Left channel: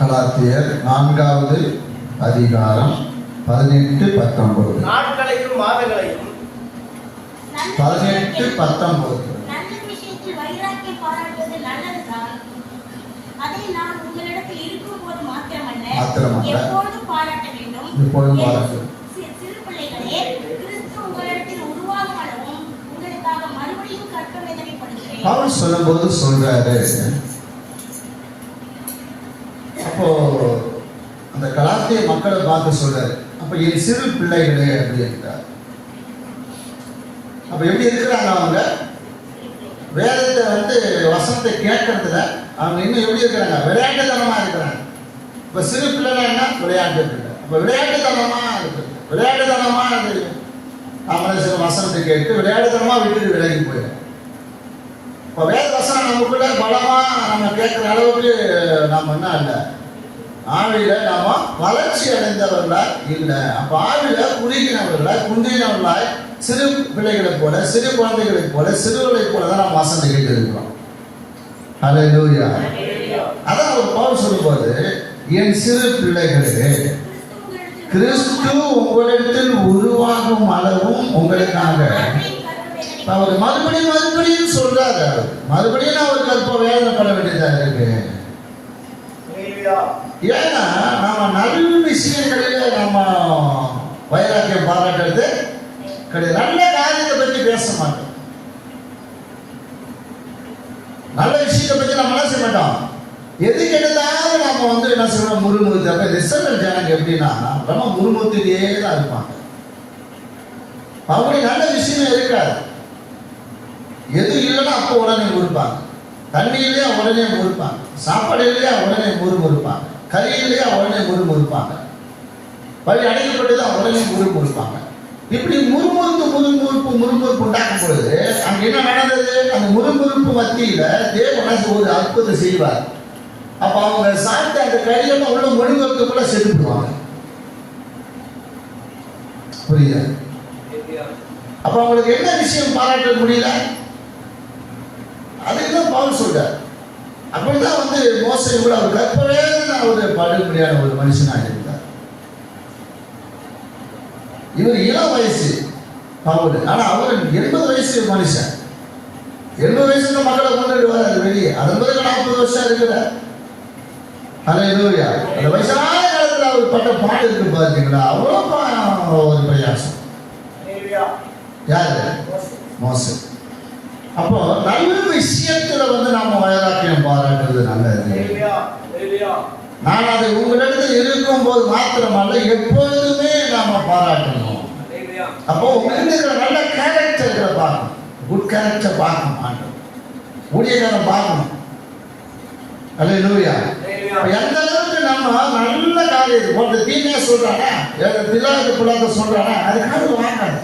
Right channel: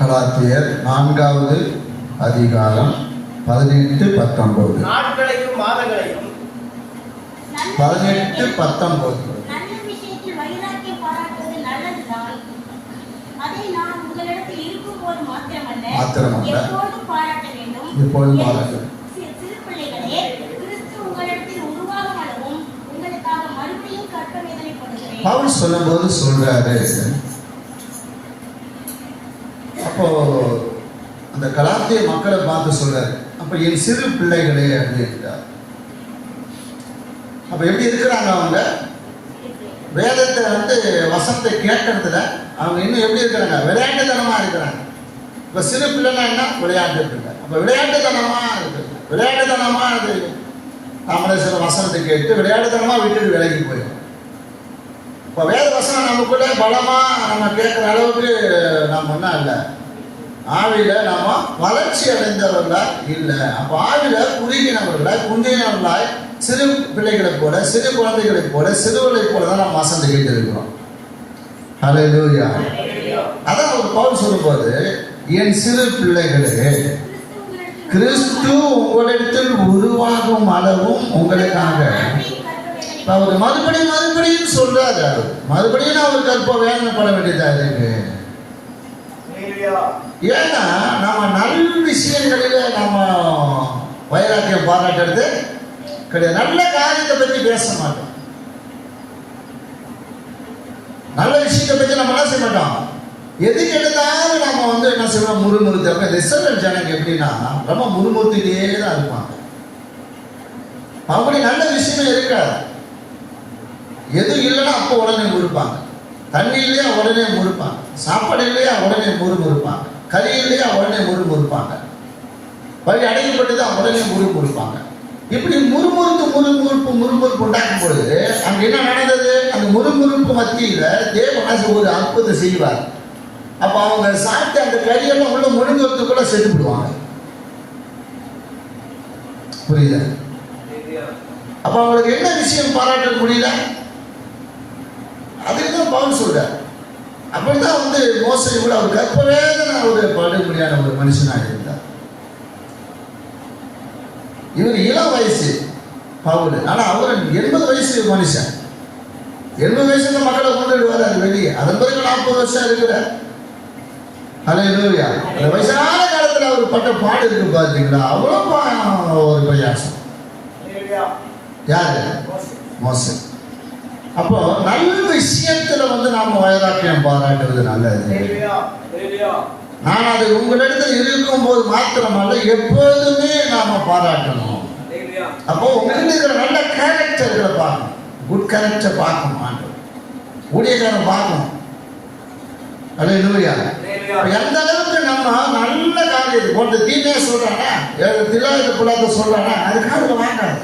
கலாத்தியர் 4வது அதிகாரம் 18-19. நாட்களையும் மாதங்களையும் 18-19. நல்ல விஷயத்தில் வைராக்கியம் பாராட்டுவது நல்லதுதான். அதை நான் உங்களிடத்தில் இருக்கும்போது மாத்திரமல்ல எப்பொழுதும் பாராட்ட வேண்டும். சிறு பிள்ளைகளே, கிறிஸ்து உங்களிடத்தில் உருவாகும் அளவும் உங்களுக்காக மறுபடியும் கற்க வேதனைப்படுகிறேன். பவுல் சொல்லும்போது சொல்றாரு, அப்போ அந்த கலாத்திய மக்களை பார்த்து சொல்றாரு, அப்ப என் சிறு பிள்ளைகளே அப்படின்றார். அப்ப எப்படி இருக்கிறாங்க அவங்க? வேதத்தை வசனத்தை கேட்கறதுல அவங்க இன்னும் எப்படி இருக்கிறாங்க? விளையாட்டுத்தனமா இருக்கிறாங்க. இப்ப சிறு பிள்ளைனா என்ன? விளையாட்டு பிள்ளை. அப்ப விளையாட்டுத்தனமா இருக்குது. விளையாட்டுத்தனமா அது நம்மளே சில வசனத்தை கேட்டு விளையாட்டுத்தனமா விட்டுட்டு விலகி போயிடும். இப்போ வேத வசனம் நமக்குள்ள பலமா நம்ம கேட்கிற அளவுக்கு நம்ம என்ன இல்லை, ஆவில நாம வளர்ச்சி அடைந்தவர்களா இல்லை. அப்ப ஆவில குறுகினவர்களாய் குந்தினவர்களாய் சிறு பிள்ளைகளை போல, சிறு குழந்தைகளை போல, சிறுவர்களை போல தான் நம்ம வசனத்தை கேட்டு இருக்கிறோம். ஹல்லேலூயா. அதான் ஒரு பவுல் சொல்லும்போது, என் சிறு பிள்ளைகளே, கிறிஸ்து உங்களிடத்தில் உருவாகும் அளவும் உங்களுக்காக அவர் மறுபடியும் சொல்றாரு. மறுபடியும் அவர் கற்ப வேதனைப்பட வேண்டியதா இருக்கு. ஏன்னா நம்ம நல்ல விஷயங்களில நம்ம வைராக்கியம் பாராட்டுறது கிடையாது. நல்ல காரியத்தை பற்றி பேச மாட்டோம். நல்ல விஷயத்தை பற்றி நம்ம என்ன செய்ய மாட்டோம். எதுக்கு எடுத்தாலும் நம்ம என்ன செய்வோம், முறுமுறுத்த ரிசல்ட் ஜனங்க எப்படின்னா ரொம்ப முறுமுறுத்திட்டே தான் இருப்பாங்க. அப்படி நல்ல விஷயமே இருக்காது. எது இல்லைன்னா அப்போ உடனே முறுப்பாங்க. தண்ணி இல்லையா உடனே முறுப்பாங்க. சாப்பாடு இல்லையா உடனே முறுமுறுப்பாங்க. கறி இல்லையா உடனே முறுமுறுப்பாங்க. வழி அடைக்கப்பட்டுதான் உடனே முறுமுறுப்பாங்க. இப்படி முறுமுறுப்பு உண்டாக்கும் பொழுது அங்க என்ன நடந்தது? அந்த முறுமுறுப்பு மத்தியில தேவன் ஒரு அற்புதம் செய்வார். அப்ப அவங்க சாப்பிட்டு அந்த கறியெல்லாம் உள்ள முழுங்குறதுக்குள்ள செத்துடுவாங்க. புரியுதா? அப்ப அவங்களுக்கு என்ன விஷயம் பாராட்ட முடியல? அதுக்குதான் பவுல் சொல்றார். அப்படிதான் மோசடி கூட அவர் கற்பவேதனை ஒரு படு முடியாத ஒரு மனுஷனாக இருந்தார். இவர் இளம் வயசு பவுல், ஆனா அவர் 80 வயசு மனுஷன். 80 வயசுல மக்களை கொண்டு வர்றாரு வெளியே. அதன் பிறகு 40 வருஷம் இருக்கிறார். ஹல்லேலூயா. அந்த வயசான காலத்துல அவர் பட்ட பாடு இருக்கு பாத்தீங்களா? அவ்வளவு ஒரு பிரயாசம். யாரு? மோசே. அப்போ நல்ல விஷயத்துல நாம வைராக்கியம் பாராட்டுறது நல்லது. நான் அது உங்களிடத்துல இருக்கும் போது மாத்திரமல்ல எப்போதுமே நாம பாராட்டணும். அப்போ உங்களிடத்துல நல்ல கேரக்டர்களை பார்க்கணும். குட் கேரக்டர் பார்க்கணும். ஊழியக்காரன் பார்க்கணும். ஹல்லேலூயா. எந்த அளவுக்கு நம்ம நல்ல காரியம் போன்ற தீமையா சொல்றானா, தெரியாத புள்ளாத சொல்றானா, அது காதுல வாங்காது.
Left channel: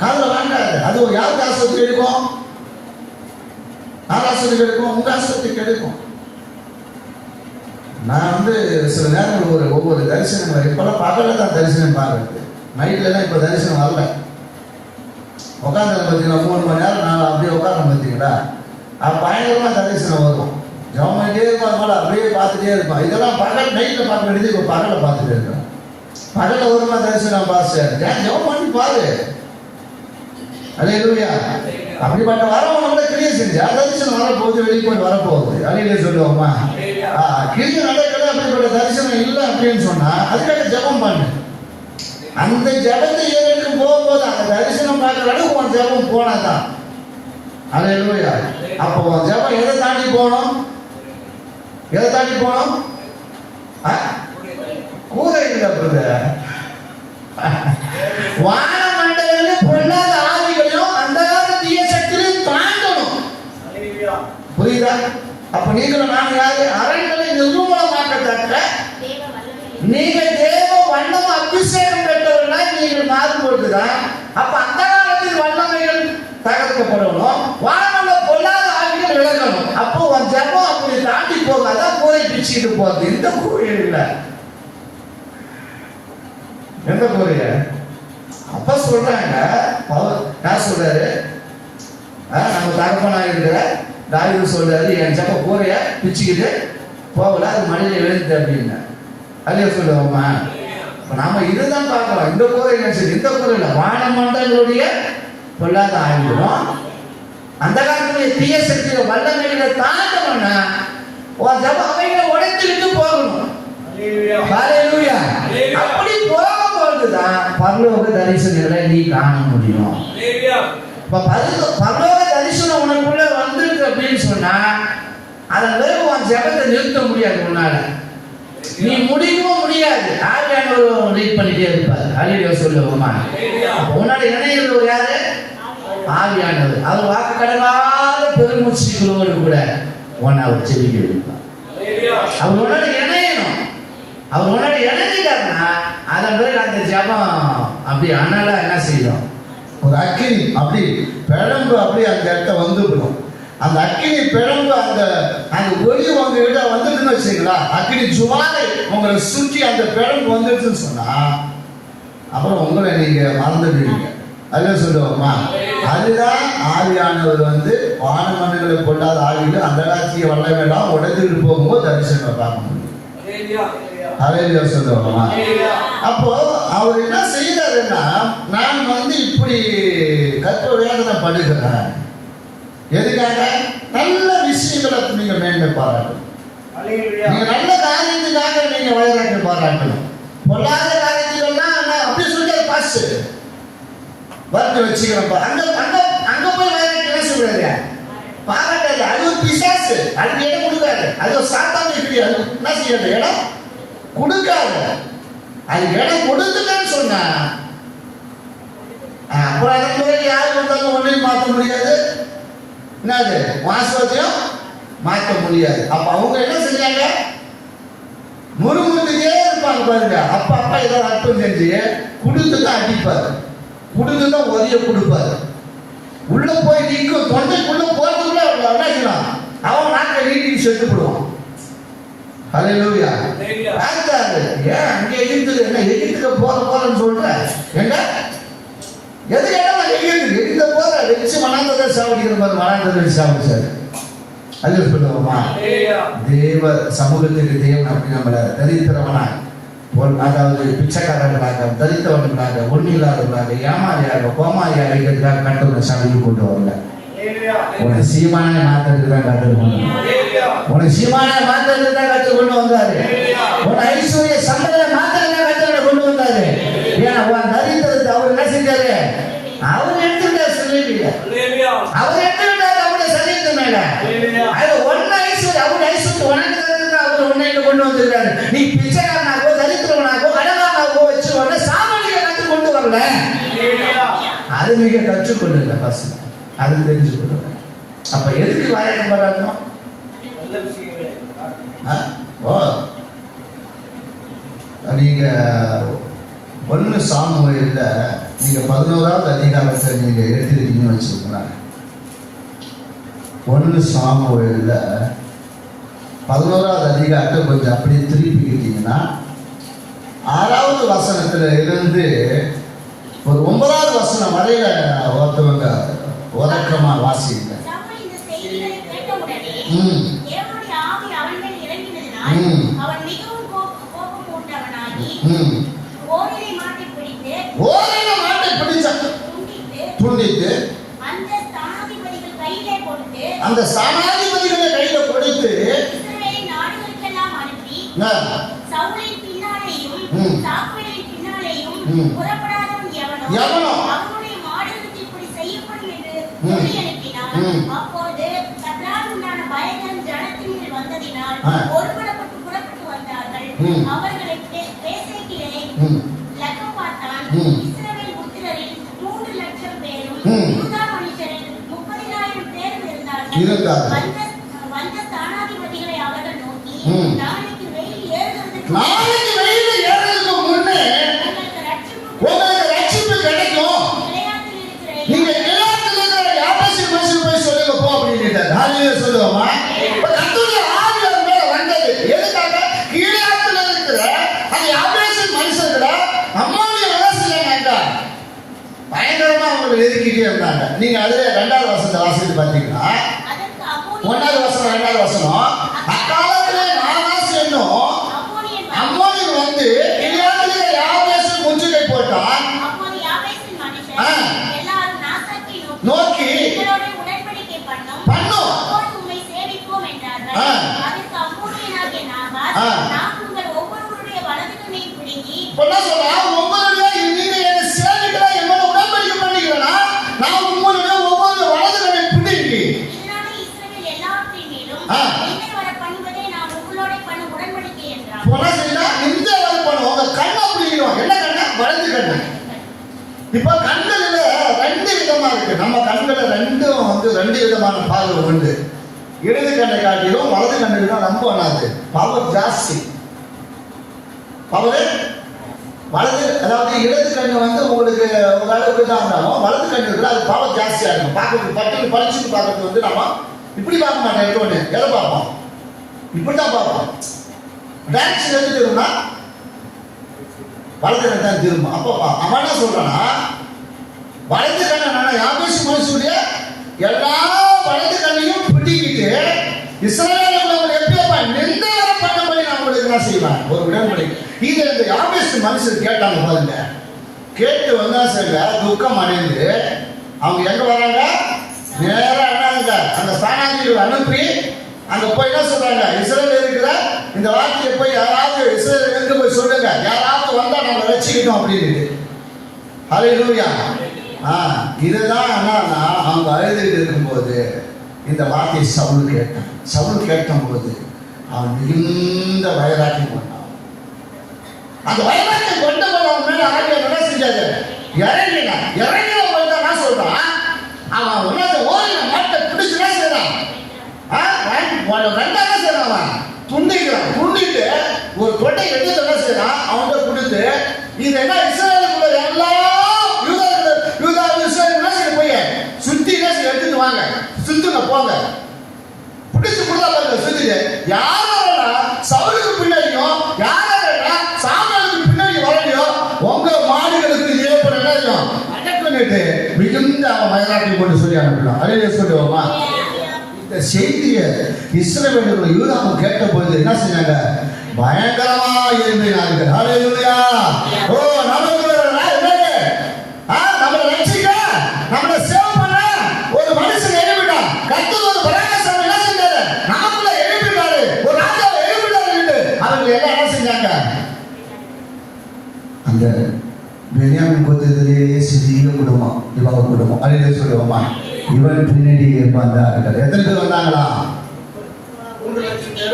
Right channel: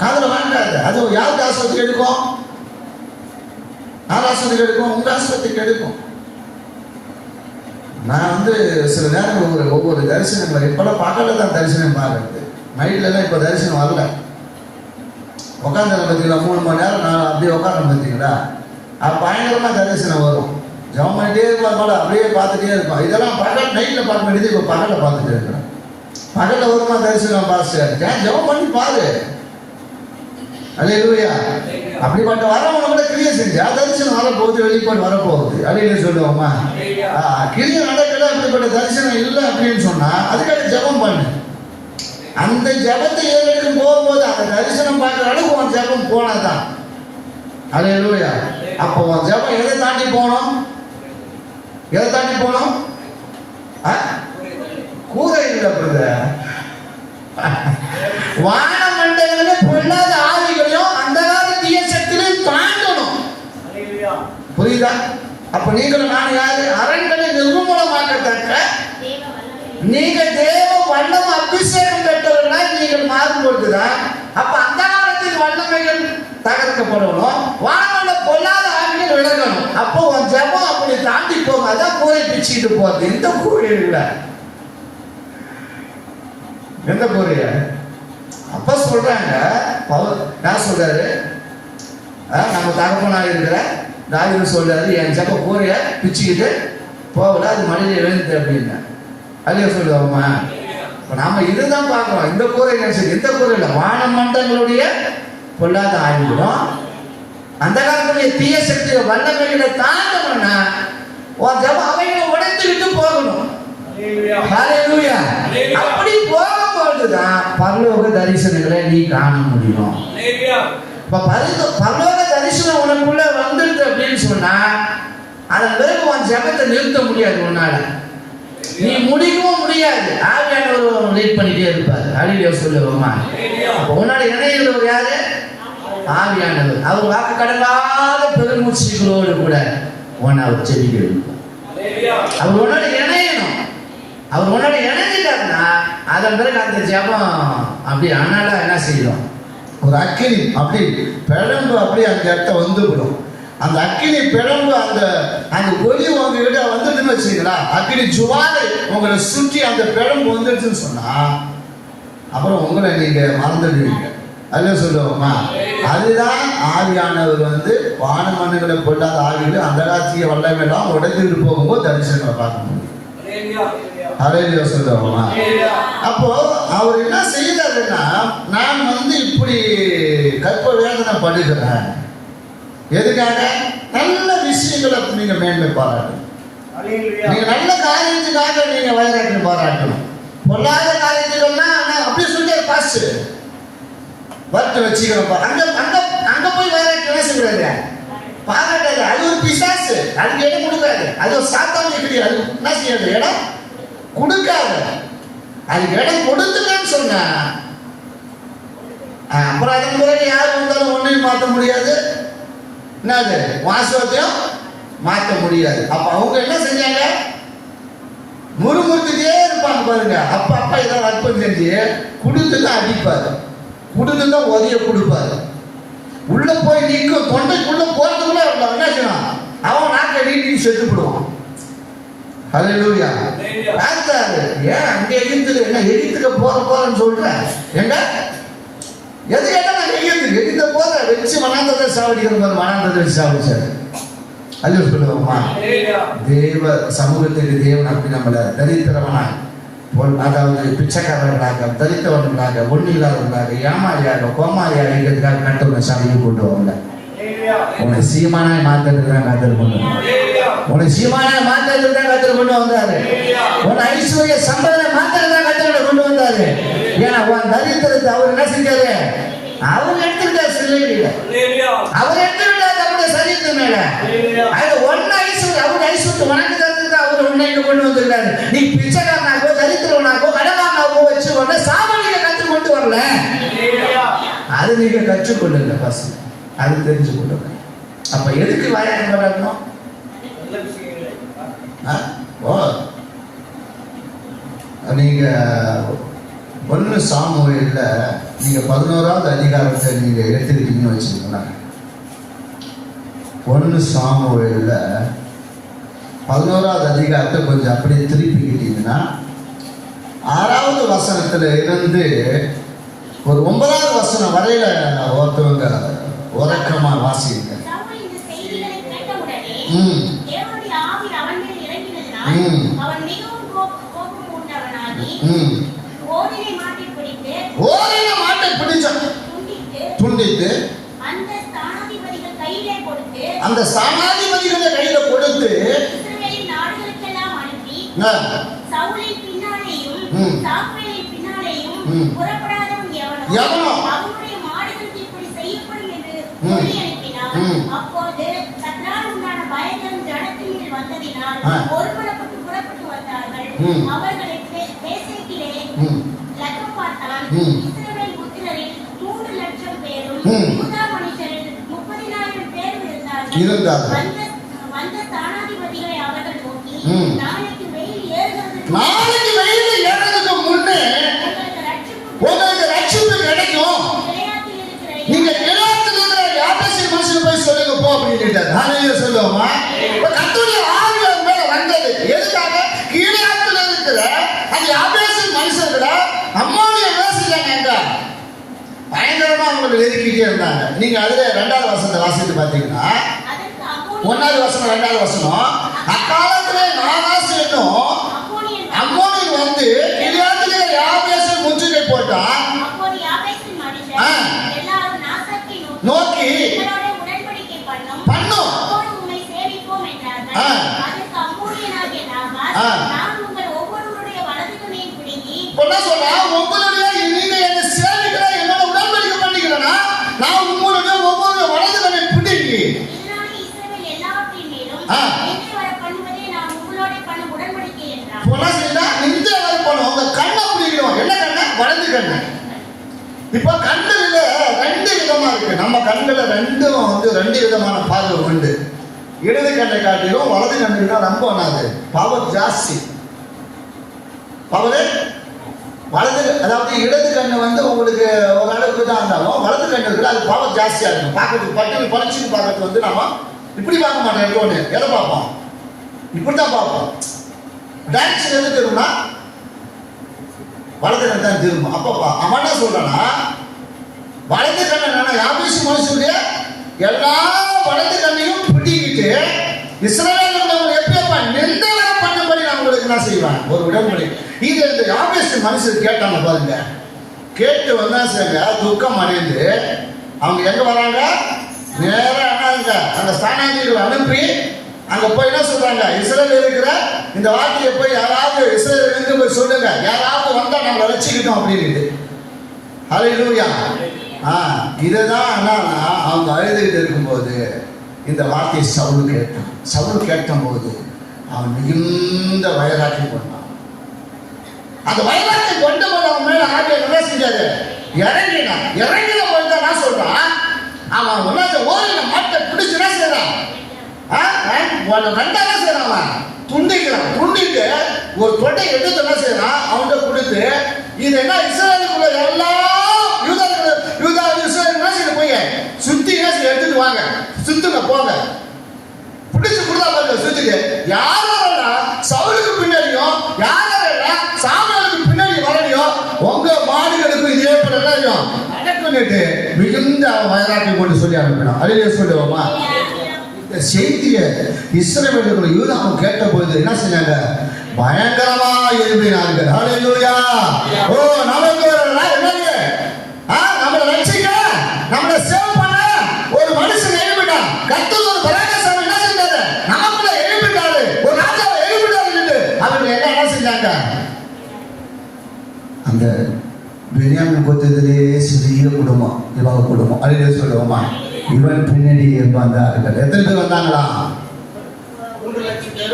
காதுல வாங்காது. அது யாருக்கு ஆஸ்பத்திரி எடுக்கும்? யார் ஆஸ்பத்திரி எடுக்கும்? உங்க ஆஸ்பத்திரிக்கு எடுக்கும். நான் சில நேரம் ஒவ்வொரு தரிசனம் இப்பெல்லாம் பகல தான் தரிசனம் பார்க்கறது. நைட்ல தான் இப்ப தரிசனம் வரல. உட்காந்து பார்த்தீங்களா 3 மணி நேரம் நான் அப்படியே உட்காந்து பார்த்தீங்களா, அது பயங்கரமா தரிசனம் வரும். ஜெபம் பண்ணிட்டே இருப்பாங்க, அப்படியே பார்த்துட்டே இருப்போம். இதெல்லாம் பகல் நைட்ல பார்க்க வேண்டியது இப்ப பகல பார்த்துட்டு இருக்கிறோம். பகல வருமா தரிசனம் பாஸ்டர், ஜெபம் பண்ணி பாரு. ஹல்லேலூயா. அப்படிப்பட்ட வரவங்க கூட கிரியை செஞ்சா தரிசனம் வரப்போகுது, வெளிப்பாடு வரப்போகுது. அழியில சொல்லுவோமா? கிரியை நடக்கல, அப்படிப்பட்ட தரிசனம் இல்லை அப்படின்னு சொன்னா அதுக்காக ஜெபம் பண்ணு. அந்த ஜெபத்தை ஏறெடுக்கும் போகும்போது அந்த தரிசனம் பார்க்கிற அளவுக்கு உன் ஜெபம் போனதான். ஹல்லேலூயா. அப்போ உன் ஜெபம் எதை தாண்டி போனோம்? எதை தாண்டி போனோம்? கூரை இல்லை பிரதர். வானமண்டல பொல்லாத ஆவிகளையும் அந்த தீய சக்திகளையும் தாண்டணும். புரியுதா? அப்ப நீங்களும் நான் யாரு? அரண்களை நிர்மூலமாக்கத்தக்க நீங்க தேவ வண்ணம் அபிஷேகம் பெற்றவர்களா நீங்கள் மாறும்போதுதான் அப்ப அந்த காலத்தில் வல்லமைகள் தகர்க்கப்படணும். வானமண்டல பொல்லாத ஆவிகள் விலகணும். அப்போ உன் ஜெபம் அப்படி தாண்டி போகாதான் கூரை பிச்சுக்கிட்டு போகுது. இந்த கூரை இல்லை. எந்த கூரைய? அப்ப சொல்றாங்க, நான் சொல்றாரு, நம்ம தகப்பனாக இருக்கிற தாவீது சொல்றாரு, என் ஜெப கூரைய பிச்சுக்கிட்டு போகல, அது மழையில் விழுந்து அப்படின்னா அல்லையா சொல்லுவோமா? இப்போ நாம இதுதான் பார்க்கலாம். இந்த கூரை இந்த கூரை இல்லை, வான மண்டங்களுடைய பொல்லாத ஆகிவிடும். அந்த காலத்துடைய தீய சக்தியை வல்லமையில தாண்டணும்னா அவைகளை உடைச்சுக்கிட்டு போகணும். அப்படி போகும்போதுதான் பரலோக தரிசனங்களை நீ காண முடியும். பரலோக தரிசனம் உனக்குள்ள வந்துடுது அப்படின்னு சொன்னா அதை வெறும் உன் ஜெபத்தை நிறுத்த முடியாது. உன்னால நீ முடிக்கவும் முடியாது. ஆவியானவர் லீட் பண்ணிட்டே இருப்பார். அழிவியா சொல்லுவோமா? அப்ப உன்னால இணையது ஒரு யாரு? ஆவியானவர். அவர் வாக்கு கடலாத பெருமூச்சுகளோடு கூட உன்னை அவர் செவிக்க இருப்பார். அவர் உன்னோட இணையணும். அவர் உன்னோட இணைஞ்சிட்டாருன்னா அதன் பிறகு அந்த ஜபம் அப்படி அண்ணால என்ன செய்யும்? ஒரு அக்கினி அப்படி பிழம்பு அப்படி அந்த இடத்த வந்துவிடும். அந்த அக்கினி பிழம்பு அந்த ஒளி உங்ககிட்ட வந்துட்டுன்னு வச்சுங்களா, அக்கினி ஜுவாலை உங்களை சுற்றி அந்த பிழம்பு வந்துடுச்சுன்னு சொன்னா அப்புறம் உங்களை நீங்க மறந்துடுவீங்க. அல்ல சொல்லுவோமா? அதுதான் ஆவியானவர் வானமண்டங்களை கொள்ளாத ஆவியில் அந்த ராஜ்ய வல்லமெல்லாம் உடைந்துட்டு போகும்போது தரிசனம் பார்க்க முடியும். அலையில சொல்லுவோமா? அப்போ அவர் என்ன செய்தாருன்னா, நான் இப்படி கற்ப வேதனை படுகிறேன். எதுக்காக? நல்ல விஷயங்களை நீங்க மேன்மை பாராட்டணும். நீங்க நல்ல காரியத்துக்காக நீங்க வைராக்கியம் பாராட்டணும். பொல்லாத காரியத்துக்கெல்லாம் அப்படி சொல்லி பாஸ் வறுத்து வச்சுக்கிறப்ப அங்க போய் வைராக்கியம் என்ன சொல்றாரு? பாராட்டாது. அது ஒரு பிசாசு. அதுக்கு இடம் கொடுக்காது. அது ஒரு சாத்தான எப்படி அது என்ன செய்யறது? இடம் கொடுக்காது. அதுக்கு இடம் கொடுத்துட்டான்னு சொன்னா அப்புறம் அதன் பிறகு யாரு வந்தாலும் ஒன்றையும் மாற்ற முடியாது. என்னது? வாசகத்தையும் மாற்ற முடியாது. அப்ப அவங்க என்ன செஞ்சாங்க? முறுமுறுத்துட்டே இருப்பாங்க பாருங்க. அப்ப ஏதாவது அற்பம் செஞ்சு கொடுத்துதான் அடிப்பாரு, கொடுத்துதான் உதவிய கொடுப்பாரு. உள்ள போய் நிற்கும், தொண்டைக்குள்ள போறதுக்குள்ள என்ன செய்யணும்? அவன் நாட்டை நீட்டி செத்து போடுவான். ஹல்லேலூயா. பார்த்தாரு, ஏன் அங்கே எகிப்துல என்ன எகிப்துக்கு போறேன்னு சொல்ற? ஏங்க எது இடம் எகிப்து போற வச்சு மனாந்தத்தை சாவடிக்கிற மாதிரி மனாந்தத்தை வச்சு சாப்பிடு. அது சொல்லுவோமா? தேவ சமூகத்துக்கு தேவன் அப்படி நம்மளை தரித்திரமான அதாவது பிச்சைக்காரர்களாக, தரித்தவர்களாக, ஒண்ணு இல்லாதவர்களாக, ஏமாறியாக, கோமாரியாக இருக்கிறதுக்காக கட்டளை சாதிக்கு கொண்டு வரல. உன்னை சீமான மாத்திரத்துக்கு தான் கற்றுக்கணும். உன்னை சீமான மாத்திரத்துக்கு தான் கற்றுக்கொண்டு வந்தாரு. உன்னை ஐஸ்வர்ய சம்பள மாத்திரத்தான் கற்றுக்கொண்டு கொண்டு வந்தாரு. ஏன்னா உன் தரித்திரத்தை அவர் என்ன செஞ்சாரு? அவர் எடுத்துக்கிட்டார். சொல்லிட்டு அவர் எடுத்துக்கிட்டார் அவருடைய சரீரத்து மேல. அது ஒன்னு ஐஸ்வர்யம், அவருடைய ஐஸ்வர்யம் உனக்கு தரத்துக்கு அவர் உன்னை கொண்டு வந்திருக்காரு. நீ பிச்சைக்காரனாகோ தரித்திரவனாகோ கடனாகோ வச்சு உடனே சாமானிய கற்றுக்கொண்டு வரல. அது நீங்க கற்றுக்கொள்ளுங்க பசங்க. அது தெரிஞ்சுக்கணும். அப்ப எதுக்கு வாயாட்டம் பண்ணணும்? நீங்க 1 சாமுவேல்ல நீங்க 11வது அதிகாரத்தை நீங்க எடுத்துக்கிட்டீங்கன்னு வச்சுக்கோங்க. 1 சாமுவேல்ல 11வது அதிகாரத்தை கொஞ்சம் அப்படியே திருப்பிக்கிட்டீங்கன்னா 6வது வசனத்துல இருந்து ஒரு 9வது வசனம் வரையில ஒருத்தவங்க உறக்கமா வாசிங்க. ஓரின மாட்டை பிடிச்சான், துண்டித்து அந்த ஸ்தானாதிபதிகளை கையில கொடுத்து எவனோ அப்போது கர்த்தரால் உண்டான பயங்கரம் ஜனத்தின் மேல் வந்ததினால் ஒருபடப்பட்டு புறப்பட்டு வந்தார்கள். அவர்களை பேசேக்கிலே லெக்கம் பார்த்தான். இஸ்ரவேல் புத்திரரில் 3 லட்சம் பேரும் யூதா மனுஷரில் 30,000 பேரும் இருந்தார்கள். வந்த ஸ்தானாதிபதிகளை அவர்கள் நோக்கி, நாளைக்கு வெயில் ஏறுவதற்கு முன்னே உங்களுக்கு ரட்சிப்பு கிடைக்கும். நீங்க சொல்லுவோமா? கர்த்தருடைய ஆவி அவர் மேல வந்தது. எதுக்காக? கீழாத்துல இருக்கிற அந்த யாபேசின் மனுஷர்களை அம்மோனிய விவசாயிங்க பயங்கரமா அவங்க நெருக்கிட்டே இருந்தாங்க. நீங்க அதுல 2வது வசனத்தை வாசித்து பாத்தீங்கன்னா 1வது வசனம் 2வது வசனம், அக்காலத்திலே நான் உங்கள் ஒவ்வொருவருடைய வலது கண்ணையும் பிடுங்கி என்ன சொல்றா? உங்களுடைய நீங்க என்ன சேவிக்கிற என்னோட உடன்படிக்கை பண்ணிக்கிறேன்னா நான் உங்களுடைய ஒவ்வொரு வலது கண்ணை பிடிங்கி இதனாலே இஸ்ரவேல் எல்லாவற்றின் மேலும் என்னை வர பண்ணுவதே நான் உங்களோட பண்ண உடன்படிக்கை என்றார். என்ன செய்யல? இந்த அளவு பண்ணுவோம். உங்க கண்ணை பிடிக்கணும். என்ன கண்ணை? வலது கண்ணை. இப்போ கண்களில் ரெண்டு விதமா இருக்கு. நம்ம கண்களில் ரெண்டு விதமான பார்வை உண்டு. இடது கண்ணை காட்டிலும் வலது கண்ணுக்கு தான் ரொம்ப வராது. பவர் ஜாஸ்தி. பவர் வலது, அதாவது இடது கண்ணு உங்களுக்கு ஒரு அளவுக்கு தான் இருந்தாலும் வலது கண்ணு இருக்குது, அது பவர் ஜாஸ்தியாக இருக்கும். பார்க்கறது பட்டு பறிச்சுட்டு பார்க்கறது நம்ம இப்படி பார்க்க மாட்டோம். எப்போன்னு எதை பார்ப்போம்? இப்படி தான் பார்ப்போம். டான்ஸ் எது தெரியுமா? வலது கண்ணு தான் திரும்பும். அப்போ அவன் என்ன சொல்றானா, வலது கண்ணை யாபேசு மனுஷனுடைய எல்லா வலது கண்ணையும் பிடிக்கிட்டு இஸ்ரவேல் எப்படியப்பா நிந்தனை பண்ணும்படி நான் உங்களுக்கு என்ன செய்வேன்? ஒரு உடன்படிக்கை. இது இந்த யாபேசு மனுஷன் கேட்டாங்க பாருங்க. கேட்டு வந்தா சரிங்க துக்கம் அடைந்து அவங்க எங்க வராங்க? நேரா என்ன அந்த ஸ்தானாதிபதிகளை அனுப்பி அங்க போய் என்ன சொல்றாங்க? இஸ்ரவேல் இருக்கிற இந்த வார்த்தையை போய் யாராவது இஸ்ரவேலுக்கு போய் சொல்லுங்க, யாராவது வந்தா நம்ம வச்சுக்கிட்டோம் அப்படின்னு. ஹல்லேலூயா. இதுதான் என்னன்னா அவங்க அழுதுகிட்டு இருக்கும்போது இந்த வார்த்தையை சவுல் கேட்டும் போது அவன் மிகுந்த வைராக்கியம் கொண்டான். அந்த வைராக்கியம் கொண்ட போது மேல ஆகிய என்ன செஞ்சாரு? இறங்கின போது என்ன சொல்றான்? அவன் ஓரின மாட்டை பிடிச்சு என்ன செய்யறான்? ரெண்டாக செய்யறான். துண்டிட்டு ஒரு தொட்டை எடுத்து என்ன செய்யறான்? அவன்கிட்ட கொடுத்து இது என்ன இஸ்ரவேலுக்குள்ள எல்லா யூதா இஸ்ரவேல் என்ன செய்ய போய் சுத்தி என்ன செய்ய எடுத்துட்டு வாங்க, சுத்துங்க போங்க. பிடிச்சு கொடுத்தா பாருங்க சுத்திட்டு யாரோட சவுலுக்கு பின்னாடியும் யாரோட சாமுவேலுக்கு பின்னாடி வரலையோ உங்க மாடுகளுக்கு இதே பண்ணையும் அடக்கணிட்டு மிகுந்த வைராக்கியம் கொண்டு சொல்லி அனுப்பினான். அழிய சொல்லுவோமா? இந்த செய்தியை இஸ்ரவேலுக்கு யூதாவும் கேட்ட போது என்ன செஞ்சாங்க? பயங்கரமா எழுப்பினாங்க. ஹல்லேலூயா. ஓ நமக்கு என்னங்க? நம்மளை ரட்சிக்க, நம்மளை சேவ் பண்ண ஒரு மனுஷன் எழுப்பிட்டான். கர்த்தர் ஒரு பராக்கிரமசாலி என்ன செஞ்சாரு? நமக்குள்ள எழுப்பிட்டாரு. ஒரு ராஜாவை எழுப்பிட்டாரு. அவங்க என்ன செஞ்சாங்க? அந்த பென்யாமின் கோத்திரத்திலே சிறிய குடும்பம், இவங்க குடும்பம் அழிய சொல்லுவோமா? இவன் பின்னாடி இருப்பாங்க. எத்தனை பேர் வந்தாங்களா? 3,00,000 பேர்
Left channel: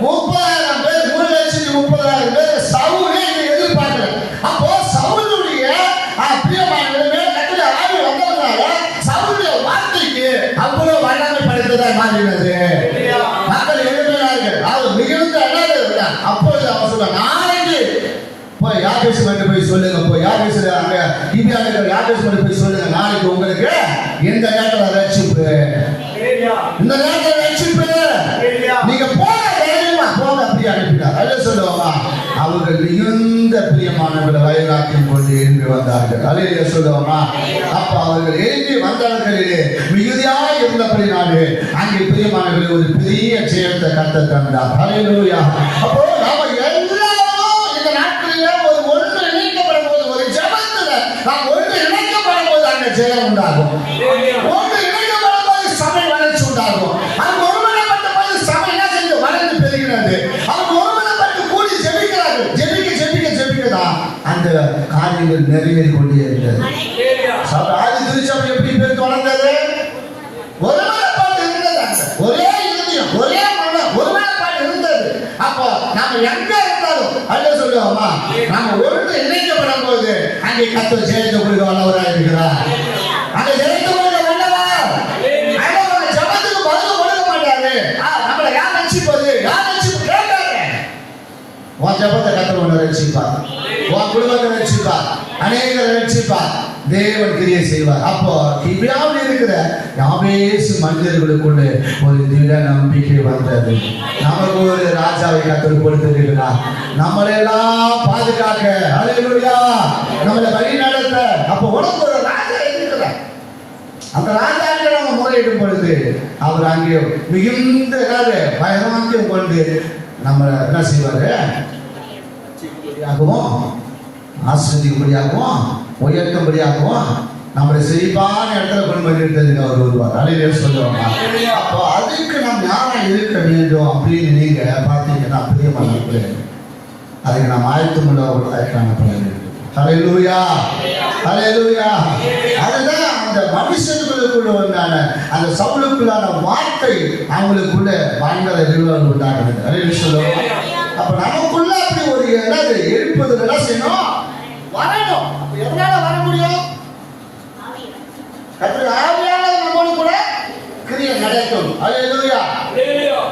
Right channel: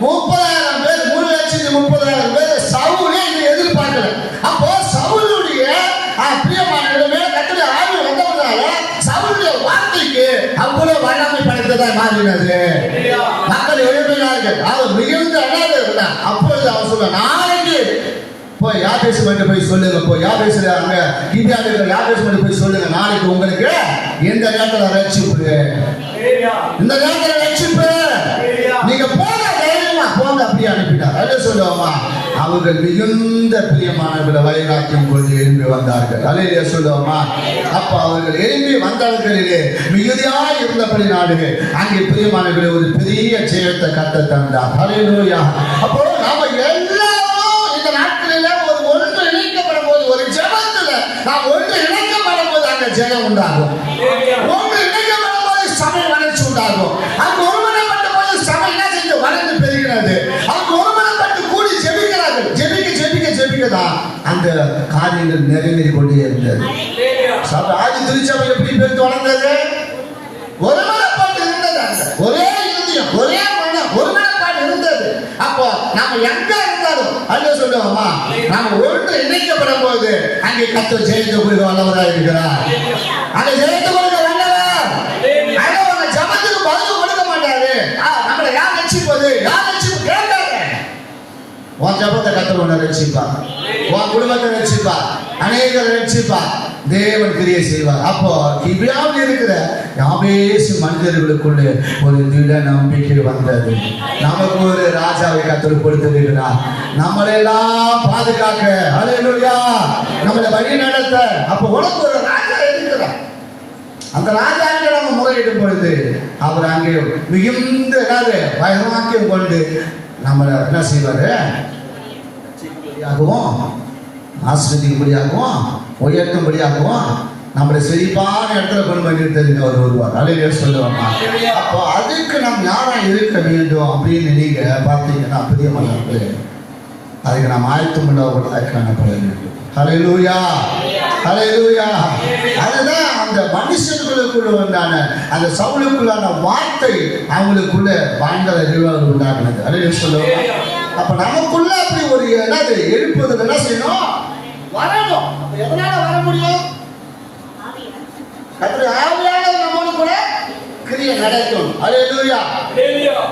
30,000 பேர் 3,30,000 பேர் சவுலே எதிர்பார்க்கல. அப்போ சவுலுடைய பிரியமானவர்களே கர்த்தருடைய ஆவி வந்தவனால சவுலுடைய வார்த்தைக்கு அவ்வளவு வல்லமை படைத்ததா மாறினது. மக்கள் எழுப்பினார்கள். அவர் மிகுந்த அழகாக இருந்தார். அப்பொழுது அவர் சொல்றார், நாளைக்கு போய் யாபேசு மட்டும் போய் சொல்லுங்க. போய் யாபேசுல அங்க கிபியாவில் யாபேசு மட்டும் போய் சொல்லுங்க. நாளைக்கு உங்களுக்கு இந்த நேரத்துல ரட்சிப்பு, இந்த நேரத்துல ரட்சிப்பு, நீங்க போங்க, தைரியமா போங்க அப்படி அனுப்பிட்டார். அதை சொல்லுவோமா? அவர்கள் மிகுந்த பிரியமானவர்களை வழிகாட்டியும் கொண்டு எழும்பி வந்தார்கள். அலையிலே சொல்லுவோமா? அப்ப அவர்கள் எழும்பி வந்த இடங்களிலே மிகுதியாக இருந்தபடினாலே அங்கே பிரியமானவர்களை ஒரு பெரிய ஜெயத்தை கத்த தந்தார். ஹல்லேலூயா. அப்போ நாம எல்லாரும் இந்த நாட்களில ஒன்று இணைக்கப்படும் போது, ஒரு ஜெபத்துல நாம் ஒன்று இணைக்கப்படும் போது அங்க ஜெயம் உண்டாகும். ஒன்று இணைக்கப்படும் போது சபை வளர்ச்சி உண்டாகும். அவங்க ஒருமனப்பட்ட போது சபை என்ன செஞ்சு வளர்ந்து பெறுகிறது. அவங்க ஒருமனப்பட்டு கூடி ஜெபிக்கிறார்கள். ஜெபிக்கதான் அந்த காரியங்கள் நிறைவேறி கொண்டே இருந்தது. ஆதி திருச்சபை எப்படி பெருத்து வளர்ந்தது? ஒருமனப்பாடு இருந்தது. ஒரே இருதயம், ஒரே மனம், ஒருமனப்பாடு இருந்தது. அப்போ நாம எங்க இருந்தாலும் அல்ல சொல்லுவோமா? நாம ஒன்று இணைக்கப்படும் போது அங்கே கர்த்தர் ஜெயத்தை கொடுக்க வல்லவராக இருக்கிறார். அந்த ஜெயத்தை கொடுக்க வல்லவர். அவங்க ஜபத்துக்கு பதில் கொடுக்க மாட்டாரு. நம்மளை யார் ரட்சிப்பது? யார் ரட்சிப்பு கேட்காங்க. உன் ஜபத்தை கர்த்தர் உன்னை ரட்சிப்பார். உன் குடும்பத்தை ரட்சிப்பார். அநேகரை ரட்சிப்பார். தேவன் கிரியை செய்வார். அப்போ கிபியாவில் இருக்கிற யாபேசு மனிதர்களுக்குள்ளே ஒரு திட நம்பிக்கை வந்தது. நமக்கு ஒரு ராஜாவை கர்த்தர் கொடுத்திருக்கிறார். நம்மளை எல்லாம் பாதுகாக்க, ஹல்லேலூயா, நம்மளை வழி நடத்த. அப்போ உனக்கு ஒரு ராஜா இருக்கிறார். அந்த ராஜாவை நம்ம முறையிடும் பொழுது அவர் அங்கே மிகுந்த பயமாக்கியம் கொண்டு நம்மளை என்ன செய்வாரு? ஆசிரியக்கூடியாகவும் உயர்த்தும்படியாகவும் நம்மளை செழிப்பான இடத்துல கொண்டு வந்து தெரிஞ்ச அவர் வருவார். அலையிலே சொல்லுவாங்க. அப்போ அதுக்கு நாம் யாரை இருக்க வேண்டும் அப்படின்னு நீங்க பார்த்தீங்கன்னா பிரியமானவர்களே, அதுக்கு நாம் ஆயத்தம் உள்ளவர்களாக காணப்பட வேண்டும். ஹல்லேலூயா, ஹல்லேலூயா. அதுதான் அந்த மனுஷர்களுக்குள்ள உண்டான அந்த சவுலுக்குள்ளான வார்த்தை அவங்களுக்குள்ள பயங்கர ரிவல் உண்டாகிறது. ஹல்லேலூயா சொல்லுவோம். அப்ப நமக்குள்ள அப்படி ஒரு என்னது எழுப்புதல் என்ன செய்யணும்? வரணும். அப்ப எதனால வர முடியும்? கர்த்தருடைய ஆவியானவர் நம்மோடு கூட கிரியை நடக்கும். ஹல்லேலூயா,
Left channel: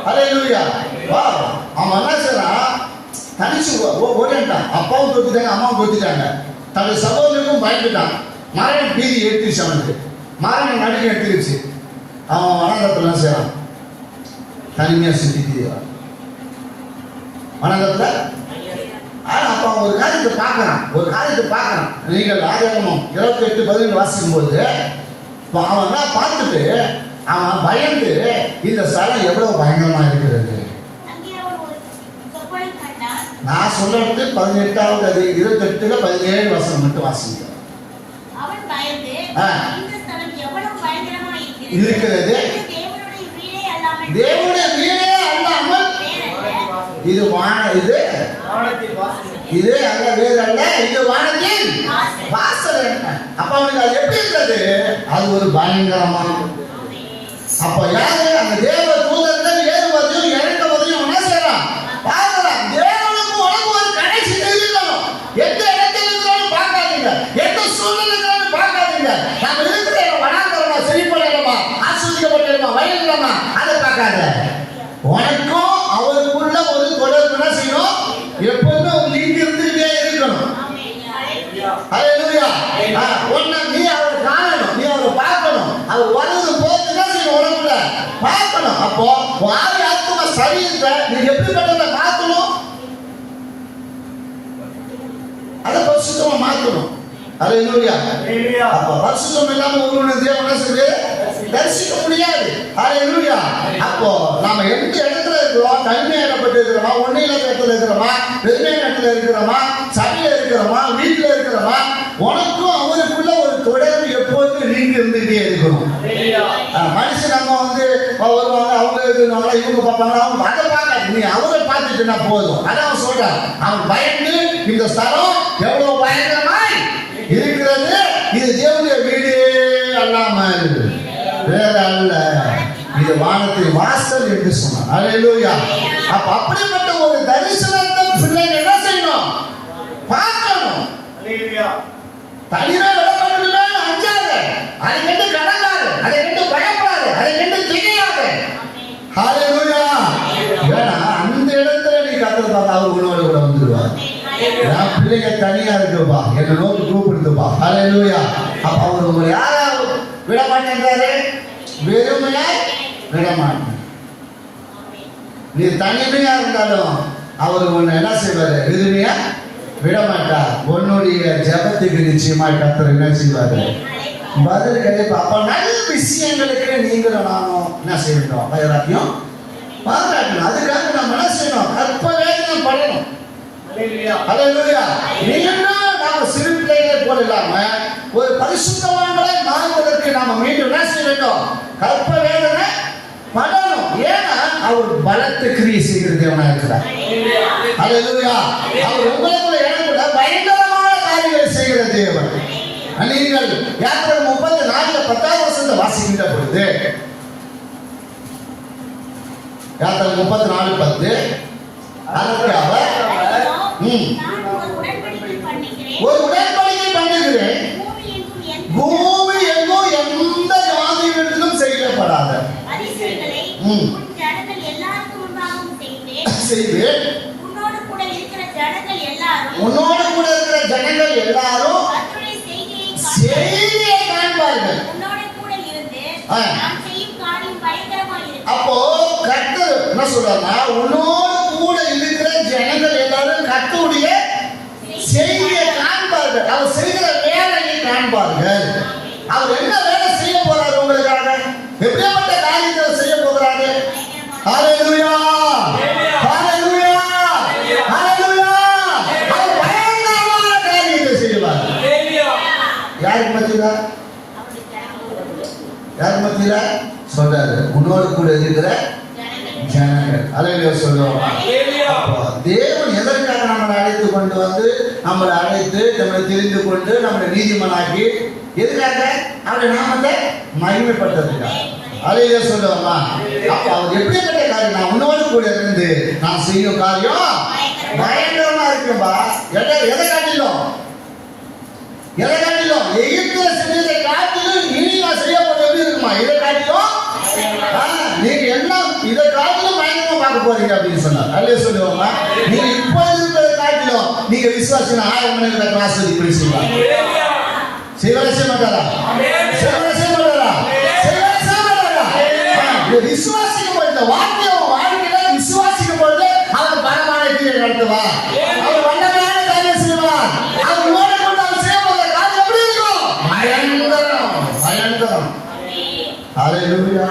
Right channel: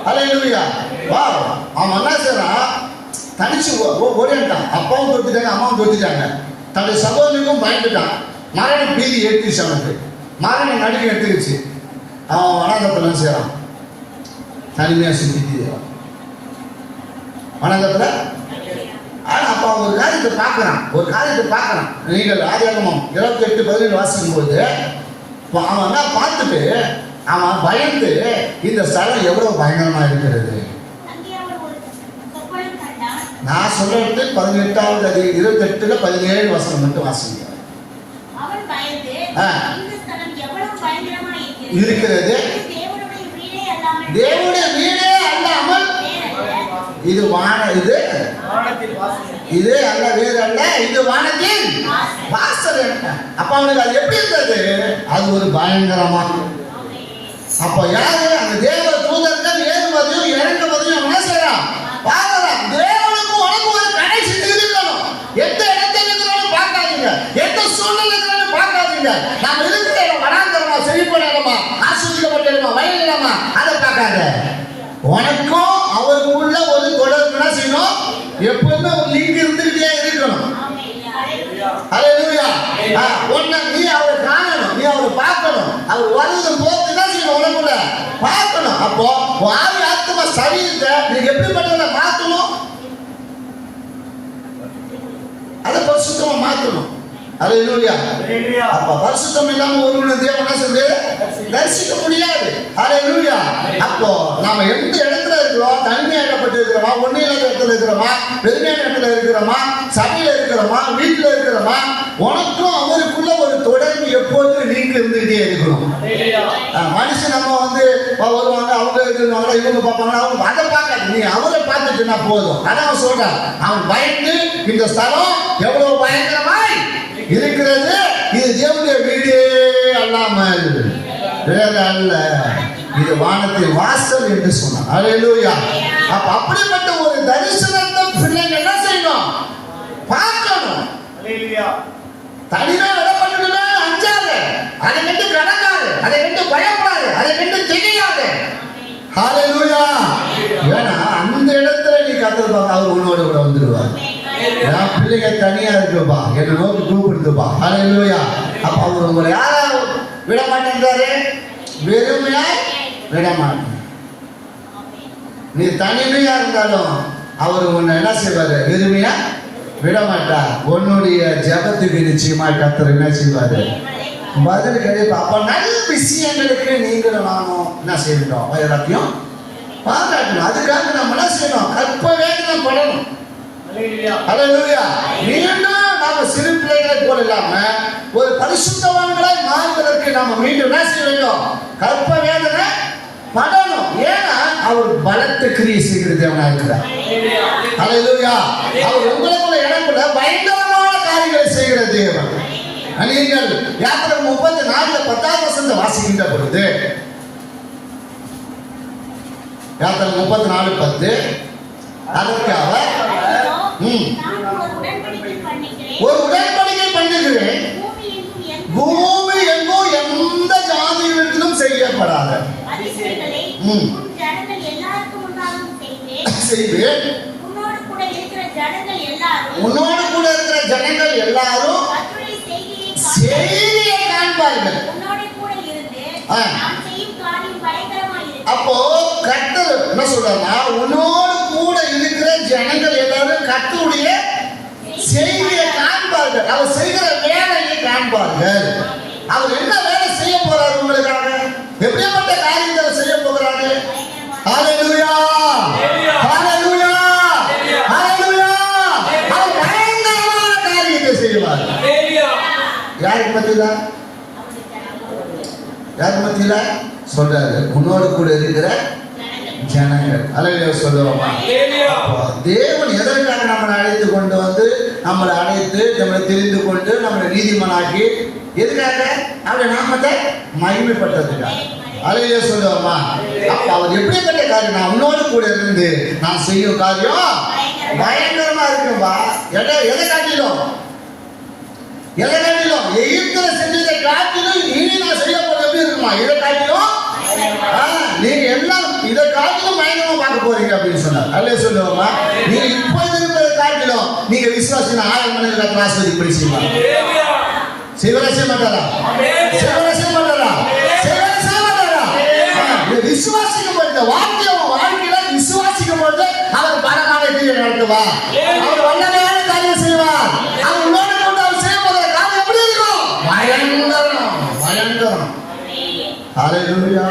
ஹல்லேலூயா. வா, அவன் என்ன செய்யறான்? தனிச்சு ஓடிட்டான். அப்பாவும் தோத்துட்டாங்க, அம்மாவும் தோத்துட்டாங்க. தன்னுடைய சகோதரனுக்கும் பயந்துட்டான். மரண பீதி எடுத்துச்சு அவனுக்கு. மரண நடுங்க எடுத்துருச்சு. அவன் வனங்கத்துல செய்யறான், தனிமையா சுத்திட்டு வனங்கத்துல. ஆனா அப்ப அவன் ஒரு காரியத்தை பார்க்கறான். நீங்கள் ஆதியாகமம் 28:17 வாசிக்கும் பொழுது அவன் என்ன பார்த்துட்டு அவன் பயந்து, இந்த ஸ்தலம் எவ்வளவு பயங்கரமா இருக்கிறது. நான் சொல்றது 18வது அதிகாரம் 28ல 17 வசனம் மட்டும் வாசிங்க. அவன் பயந்து, இந்த ஸ்தலம் எவ்வளவு பயங்கரமா இருக்கிறது, தேவனுடைய வீடே அல்லாமல் இது இது அல்ல, வேறு அல்ல, இது வானத்தின் வாசல். அப்ப அவனுக்கு அது எப்படி இருந்தது? அது ஒரு பயங்கரமான. அப்ப யாரு அந்த தேவ தூதர்கள் ஏறுவதையும் இறங்குவதையும் என்ன செய்யறான்? பார்க்கலாம். தேவனுக்கு உனக்கு ஒரு கடைசி இருக்கணும். எந்த இடத்துல இருக்கிறாலும் பார்க்காதீங்க, எந்த சூழ்நிலை இருக்கிறாலும் பார்க்காதீங்க. நாம் இருக்கிற வனாந்தரமா, செழிப்பான இடமா, ஆசீர்வதிக்கப்பட்ட இடமா, வயல் இடமா, அதை பார்க்காத. உனக்கும் அவருக்குள்ள ஒரு தொடர்பு என்ன செய்யணும்? எப்பவுமே ஒரு லிங்க் இருந்துகிட்டே இருக்கணும். ஹல்லேலூயா. ஒண்ணு நீ அவரை காணணும், நீ அவரை பார்க்கணும். அவர் வருவது போது என்ன செய்யணும்? உனக்குள்ள பார்க்கணும். அப்போ ஆவி ஆத்மா சரீரத்தை நீ எப்படிப்பட்டதை மாற்றணும்? அதை பரிசுத்தமா மாற்றணும். ஹல்லேலூயா. அப்ப பரிசுத்தம் இல்லாம ஒரு தேவனை சொல்லி தரிசிக்க முடியாது. ஹல்லேலூயா. அப்போ நாம எந்த இடத்துல இருக்கிறோம்? தனிமையா இடப்பட்டு இருக்கிறோமா, ஒன்னில்லாத இடத்துல இருக்கிறோமா, பெருமையான இடத்துல இருக்கிறோமா, சபையில இருக்கிறோமா, வீட்டுல இருக்கிறோமா? உனக்கும் அவருக்குள்ள ஒரு தொடர்பு எப்போதும் நீங்க இருந்துட்டே இருக்கணும். மனுஷன் நம்ம வருவாங்க, அவங்க இருக்கிறவங்க, இவங்க பார்ப்பாங்க, அவங்க அதை பார்க்காது. நீ அவரை பார்த்துட்டுனா போதும். அதான் அவன் சொல்றான். அவன் பயந்து, இந்த ஸ்தலம் எவ்வளவு பயங்கரமாய் இருக்கிறது, இது தேவனுடைய வீடே அல்லாமல் வேற அல்ல, இது வானத்தின் வாசல் என்று சொன்னார். ஹல்லேலூயா. அப்ப அப்படிப்பட்ட ஒரு தரிசனத்தை பிள்ளைங்க என்ன செய்யணும்? பார்க்கணும். ஹல்லேலூயா. தனியா விடப்பட்டுமே அஞ்சாத, அதை கண்டு கடங்காது, அதை கண்டு பயப்படாது, அதை கண்டு திகையாது. ஹல்லேலூயா. ஏன்னா அந்த இடத்துல நீ கர்த்தர் பார்க்க அவர் உன்னோட கூட வந்துடுவார். நான் பிள்ளைங்க தனியா இருக்குப்பா, என்னை நோக்கி கூப்பிடுதுப்பா. ஹல்லேலூயா. அப்ப அவர் உங்களை யாரா விட மாட்டேங்கிறாரு? வெறுமையா விட மாட்டேன். நீ தனிமையா இருந்தாலும் அவர் உன்னை என்ன செய்வாரு? வெறுமையா விட மாட்டார். உன்னுடைய ஜெபத்துக்கு நிச்சயமா கர்த்தர் என்ன செய்வாரு? பதில் கிடைப்பா. அப்ப நல்ல விஷயங்களுக்கு நீங்களும் நானும் என்ன செய்யணும்? எல்லாத்தையும் பாராட்டணும். அதுக்காக நம்ம என்ன செய்யணும்? கற்ப வேதனை படணும். ஹல்லேலூயா. இல்லைன்னா நாம சிறு பிள்ளைகளை போல இல்லாம ஒரு பரிசுத்தவான்களாய் மாறுவதற்கு நாம மீண்டும் என்ன செய்ய வேண்டும்? கற்ப வேதனை படணும். ஏன்னா அவர் பலத்த கிரியை செய்கிற தேவனா இருக்கிறார். ஹல்லேலூயா. அவர் உங்களுக்குள்ள இடத்துல பயங்கரமான காரியங்களை செய்கிற தேவன். நீங்கள் யாத்திரை 34 10வது வசனத்தை வாசிக்கின்ற பொழுது, யாத்திரை 34:10 அதற்காக ஒரு உடன்படிக்கை பண்ணுகிறேன், பூமி எங்கும் எந்த ஜாதியிலும் செய்யப்படாத செய்வேன். உன்னோடு கூட இருக்கிற ஜனங்கள் எல்லாரும் செய்தியை காண்பார்கள். அப்போ கர்த்தர் என்ன சொல்றாருன்னா, உன்னோடு கூட இருக்கிற ஜனங்கள் எல்லாரும் கர்த்தருடைய செய்தியை காண்பார்கள். அவர் செய்கிற வேலையை காண்பார்கள். அவர் என்ன வேலை செய்ய போறாரு உங்களுக்காக? எப்படிப்பட்ட காரியத்தை செய்ய போகிறாரு? ஹல்லேலூயா. ஹல்லேலூயா. ஹல்லேலூயா. அவர் பயங்கரமான காரியத்தை செய்வார். யாருக்கு மத்தியில? யாருக்கு மத்தியில சொல்றாரு? உன்னோடு கூட இருக்கிற ஜனங்கள். அல்லேலூயா சொல்லுவோமா? தேவன் எதற்காக நம்மளை அழைத்து கொண்டு வந்து நம்மளை அழைத்து நம்மளை தெரிந்து கொண்டு நம்மளை நீதிமானாக்கி எதுக்காக? அவருடைய நாமத்தை மகிமைப்படுத்துறதுக்காக. அல்லேலூயா சொல்லுவோமா? அப்ப அவர் எப்படிப்பட்ட காரியம்? நான் உன்னோடு கூட இருந்து நான் செய்யும் காரியம் பயங்கரமா இருக்கும்பா. எதை காட்டிலும் எகிப்துல செஞ்சதை காட்டிலும் இனி நான் செய்யப்பட்ட எப்படி இருக்குமா? இதை காட்டிலும் நீங்க எல்லாம் இதை காட்டிலும் பயங்கரமா பார்க்க போறீங்க அப்படின்னு சொன்னார். அல்லேலூயா சொல்லுவோமா? நீங்க இப்போது இருக்கிறத காட்டிலும் நீங்க விசுவாசம் 1000 மணிக்கு ஆஸ்வதிப்படி செய்வாங்க. சிவரசி மாட்டாரா? விசுவாசிக்கும் பொழுது வாழ்க்கையில விசுவாசிக்கும் பொழுது அவர் பலமான கிரியை நடத்துவார். அவர் வல்லமையான காரியம் செய்வார். அவர் உன்னோடு கொண்டு அவர் செய்யப்படுற காரியம் எப்படி இருக்கும்? பயங்கரம். ஹல்லேலூயா.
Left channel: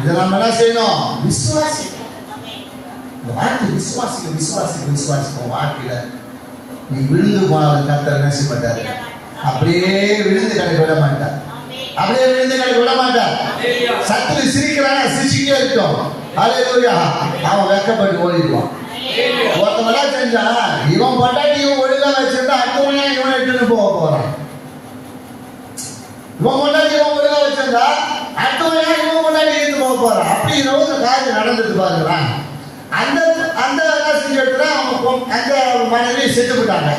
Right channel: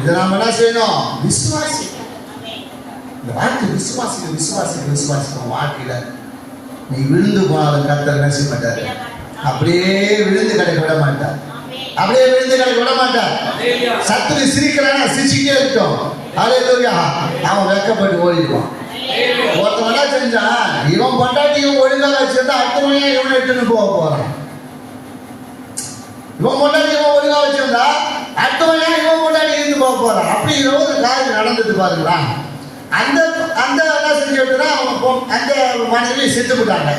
இதை நம்ம என்ன செய்யணும்? விசுவாசிக்கணும். இந்த வார்த்தை விசுவாசிக்கும் வாழ்க்கையில நீ விழுந்து போனாலும் கர்த்தர் என்ன செய்ய மாட்டார்? அப்படியே விழுந்து கடை விட மாட்டார். சத்துரு சிரிக்கிறானா? சிரிச்சுட்டே இருக்கும். ஹல்லேலூயா. அவன் வெட்கப்பட்டு ஓடிடுவான். ஒருத்தவெல்லாம் செஞ்சா இவன் பட்டாட்டி இவன் ஒழுங்கா வச்சிருந்தா அடுத்தவனே இவனை எடுத்துன்னு போக போறான். இவன் முன்னாடி இவன் ஒழுங்கா வச்சிருந்தா அடுத்தவனே இவன் முன்னாடி இருந்து போக போறான். அப்படி ஒரு காரியம் நடந்துட்டு பாருங்களா. அந்த என்ன செஞ்சுட்டா அந்த மனைவி செத்து போட்டாங்க.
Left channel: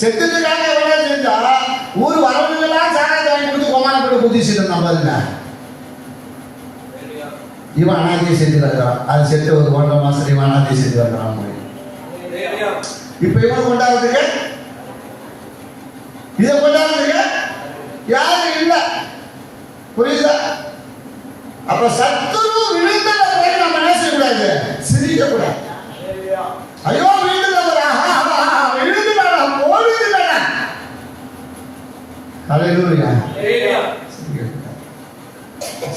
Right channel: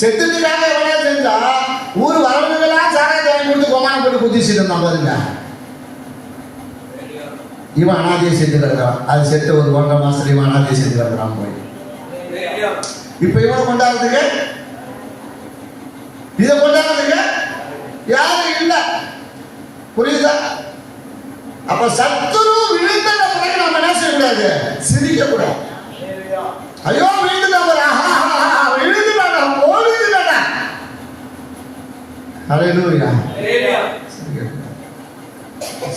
செத்துட்டுக்காக எவ்வளவு செஞ்சா ஊர் வரவங்கெல்லாம் சாராயம் வாங்கி கொடுத்து கொமானம் போட்டு குதிச்சுட்டு இருந்தான் பாருங்க. இவன் அனாதையை செத்து கிடக்கிறான். அது செத்து ஒரு 1.5 மாசம் இவன் அனாதையை செத்து கிடக்கிறான். இப்ப இவன் கொண்டாடுறதுக்கு இதை கொண்டாடுறதுக்கு யாரும் இல்லை. புரியுதா? அப்ப சத்துரு விழுந்த நம்ம என்ன செய்யக்கூடாது? சிரிக்க கூடாது. ஐயோ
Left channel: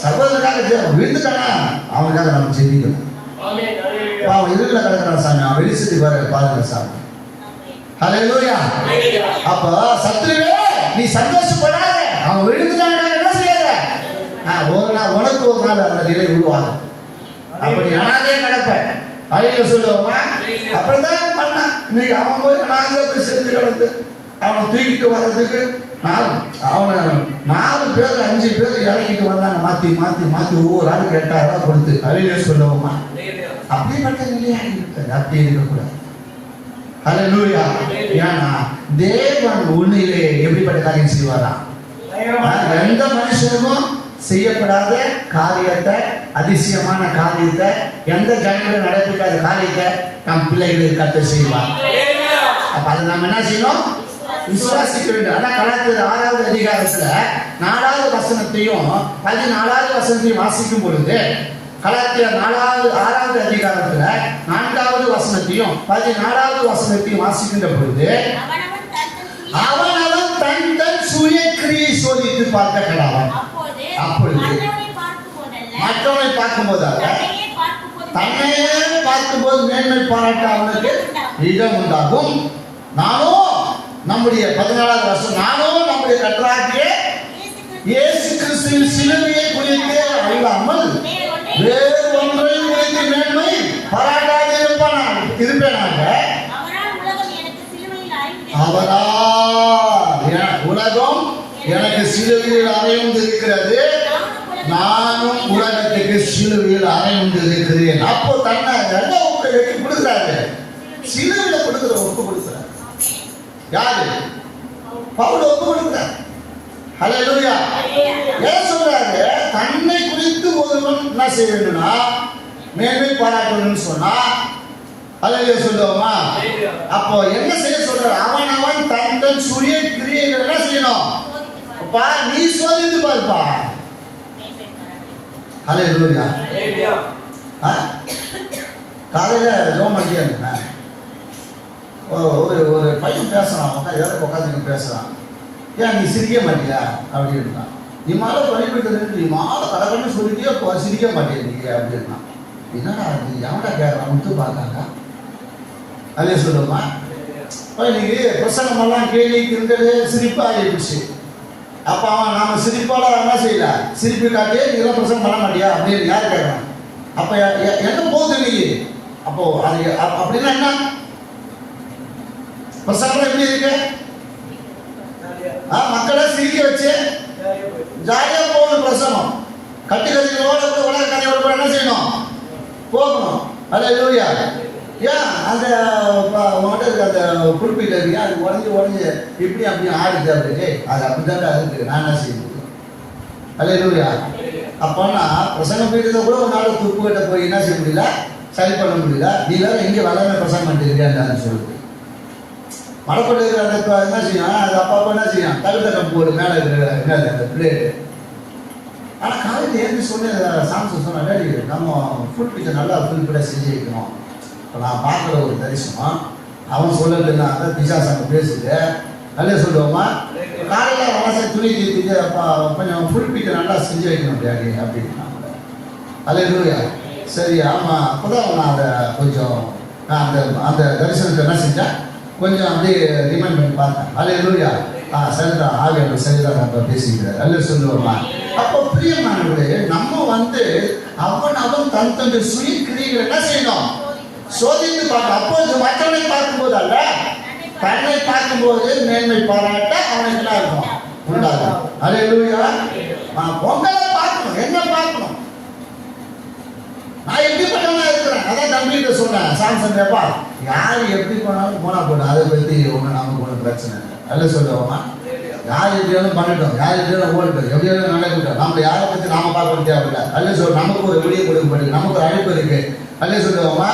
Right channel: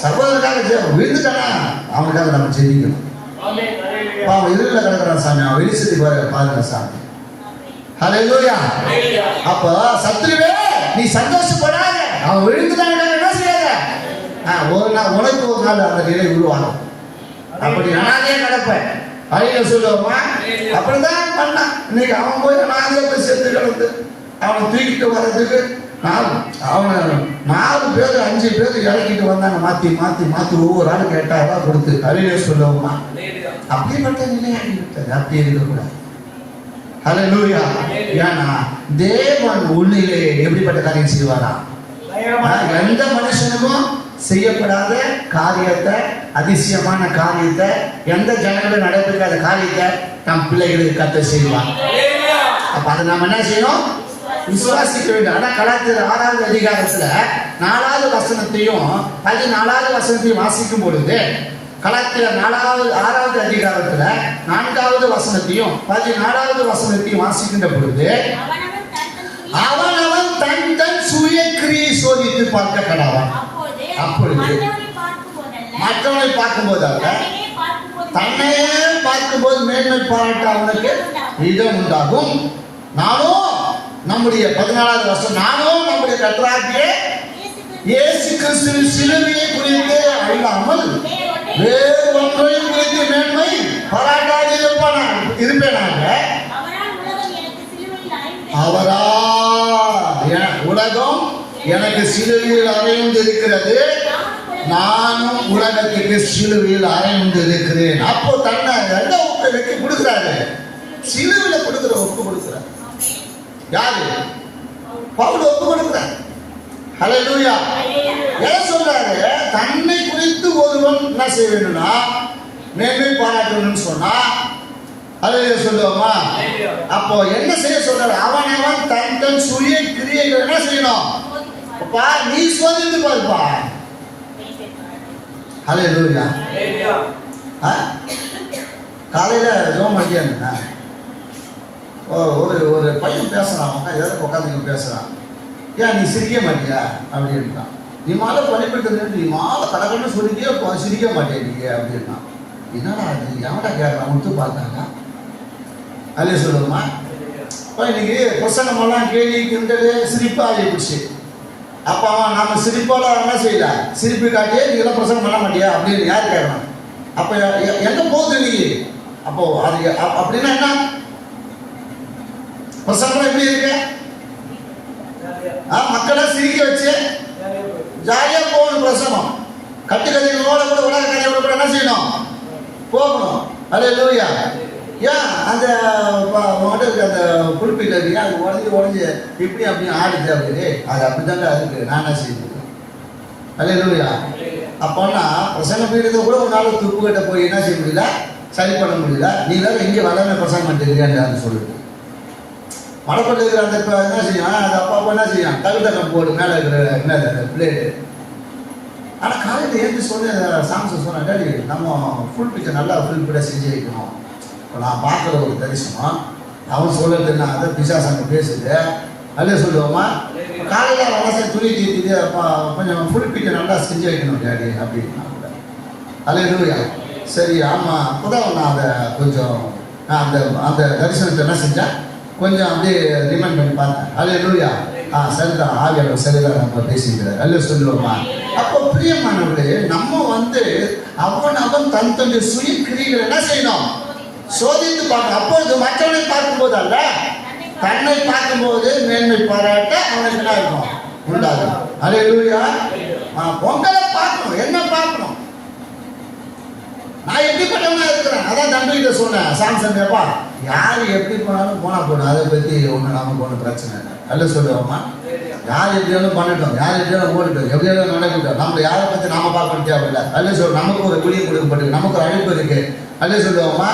சகோதரக்காக விழுந்துட்டானா அவனுக்காக நம்ம ஜெபிக்கணும். அவன் எதிரில் கிடக்கிறான் சாமி, அவன் வெளிச்சத்துக்கு வர பாருங்க சாமி. ஹல்லேலூயா. அப்ப சத்துருவே நீ சந்தோஷப்படாத. அவன் விழுந்துட்டான் என்ன செய்யாத? உனக்கு ஒரு நாள் அந்த நிலை உருவாகும். அப்படி அனாதையே கிடப்பேன் அழிய சொல்லுவோமா? அப்படிதான் பண்ணான். இன்னைக்கு அவன் போய் அனாதையா போய் செத்து கிடந்து அவனை தூக்கிட்டு வர்றதுக்கு அவனை 4 பேர் 5 பேர் இறக்கிட்டு வந்தாங்க. மாத்தி ஒவ்வொரு ஆளுக்கு 8,000 ரூபாய் கொடுத்து அழிய சொல்லுவோமா? அப்படிப்பட்ட நிலையாகி விட்டது. அப்படியே இருக்கக்கூடாது. ஹல்லேலூயா. ஏன்னா தேவன் உன்னிலே எப்படிப்பட்ட காரியம் செய்வாரா? எந்த மனுஷனுக்கும் செய்யப்படாத காரியத்தை, அதிசயமான காரியத்தை, எந்த ஜனங்களும் நடைபெறாத காரியத்தை நம் பிள்ளைகளுக்கு கர்த்தர் செய்வார். அப்ப அதை நாம் என்ன செய்யணும்? விசுவாசிக்க வேண்டும். ஆனா கலாத்தியர் 6வது அதிகாரத்துல 4வது வசனத்தையும் 14வது வசனத்தையும் வாசிக்கும் பொழுது, கலாத்தியர் 6வது அதிகாரத்துல 4வது வசனத்தையும் 14வது வசனத்தையும் வாசிக்கின்ற பொழுது, அவனவன் தன் சுய கிரியை சோதித்து பார்க்க கடவன். அப்பொழுது மற்றவனை பார்க்கும்போது அல்ல, தன்னையே பார்க்கும்போது மேன்மை பாராட்ட அவனுக்கு இடம் உண்டாகும். நானும் நம்முடைய 14வது வருஷம் நானும் நம்முடைய கர்த்தராகிய இயேசு கிறிஸ்துவின் சிலுவையை குறித்து அறியாமல் வேறு ஒன்றை குறித்து மேன்மை பாராட்டாது இருப்பேனாக. அவரா உலகம் எனக்கு சிலுவையில் அறைந்து இருக்கிறது, நானும் உலகத்துக்கு சிலுவையில் அறைந்து இருக்கிறேன். அப்போ தன்னை வெற்றி கொடுக்கிறாரு. சிலுவையில் கொடுக்கிற ஒப்பு கொடுக்கிறார். யாரு? பவுல் ஒப்பு கொடுக்கிறார். ஹல்லேலூயா. என்ன சொல்றாரு? தன்னை குறித்து ஒருவன் என்ன செய்ய வேண்டும்னா மேன்மை பாராட்டணும்னு சொன்னா ஹல்லேலூயா சொல்லுவோமா? அப்போ என்ன செய்ய சொல்றாரு? அவன் தன் சுய கிரியைகள் என்ன செய்யணும்? அப்பா நீ சோதித்து பாருப்பா. ஹல்லேலூயா. காலையில ஜோம் பண்ணியா ஒரு பையன் பேசுறான். எதாவது உட்காந்து பேசுறான். ஏன் நீ சிரிக்க மாட்டியா அப்படின்னா, நீ மாலை பள்ளிப்பட்டு நீ மாலை கடற்கன்னு சொல்லிட்டே சிரிக்க மாட்டேங்க அப்படின்னா, என்னடா நீ எவன்டா கேட்கலாம் முத்து பார்த்தாங்க. அதே சொல்லுமா? இன்னைக்கு பிரசனமெல்லாம் கேள்வி கிண்டது சிரிப்பா ஆகிடுச்சு. அப்ப அவன் நம்ம சிரிப்பால என்ன செய்யல, சிரிப்பு காட்டியே நீ எல்லாம் பிரசனம் பண்ண மாட்டியா அப்படின்னு யார் கேட்கணும்? அப்ப எங்க போகுது நீ? அப்போ அது அப்படின்னா என்ன? பிரசங்கம் எப்படி இருக்கு? மக்களை சிரிக்க வச்சு ஜாலியா போகணும். பிரசங்கம் கட்டி கதைகளோட கூட உலக கதைகளோட என்ன செய்யணும்? போகணும். அல்லேலூயா. ஏன் அந்த அந்த குறிப்பிட்ட அது உடஞ்சி இப்படி அப்படி ஆடுது அப்படி அது அப்படிதாங்க இருக்கு. நான் என்ன செய்யுது? அல்லேலூயா. அப்போனா பிரசங்க பீடத்தை கூட ஒரு நாள் துப்பு கிட்ட போய் என்ன செய்ய முடியல, சரி பண்ண முடியல. நீ வேற இங்கே வளர்ந்த பிரசங்கம் பண்ணிருக்கேன்னு சொல்லுது. மடப்பட்டு இருக்கிற அந்த என்ன செய்யும்? அது அப்பப்போ என்ன செய்யும்? தகுதகம் போடு மேலே இருக்கிற என்ன அந்த பிளேடு. ஆனால் காலையில் ஏற்றி சொல்லி சாம்சன் சொன்ன டேடி நம்ம ஃபுல் பிக்சர் நல்லா ஃபுல் பிட செஞ்சு வைக்கணும். இப்போ நான் பார்க்குற ஒரு தரிசனம் அவன் சொல்லட்டு நான் அதை பிசாசாங்க பேசுது அல்லே சொல்லுவோமா காலையில் வளசை துணி தீர்த்திட்டு கொஞ்சம் ஃபுல் பிக்சர் நல்லா செஞ்சு வைக்கணும் டேடி அப்படின்னா அல்லேலூயா. சரி ஆமாம் அப்போதான் நான் அதை கொஞ்சம் நான் அந்த தரிசனத்தை என்ன செஞ்சேன் கொஞ்சம் அப்படியே ரிமைண்ட் பண்ணி பார்த்தேன். அல்லேலூயா. சரிதான் ஆவியானவர் சரிதான் நம்ம பேசிக்கிறார் அல்ல சொல்லுவோமா. அப்போ பிரியமானவர்களே நம்ம அவன் தன்னுடைய சுய கிரிகளை என்ன செய்யணும்? சோதித்து பார்க்கணும். அப்போது மற்றவனை பார்க்கும்போது அல்ல, தன்னை பார்க்கும்போது மேன்மை பாராட்ட அவனுக்கு என்ன இருக்கும்? உண்டாகும். அல்லேலூயா. பொங்கலை பார்க்கணும். என்ன பார்க்கணும்? நான் எப்படிப்பட்டவனா இருக்கிறேன். அதான் தம்பிகிட்ட சொன்னேன் சாம்சன் எப்பா யார் எப்படி போனாலும் போனா போடும், அதை பற்றி ஒன்று நமக்கு ஒன்றும் பிரச்சனை இல்லை அல்ல சொல்லுவோமா. யார் எப்படியாலும் பண்ணிட்டோம், யார் எப்படியாலும் ஓடிட்டோம், எப்படியாலும் நடக்கிட்டோம். நம்ம யாரை பற்றி நாம பார்க்க தேவையில்லை அல்ல சொல்ல. நமக்கு ஒரு ஒளியை கொடுக்கப்பட்டு நமக்கு ஒரு அழைப்பு இருக்கு அல்ல சொல்லுவோமா.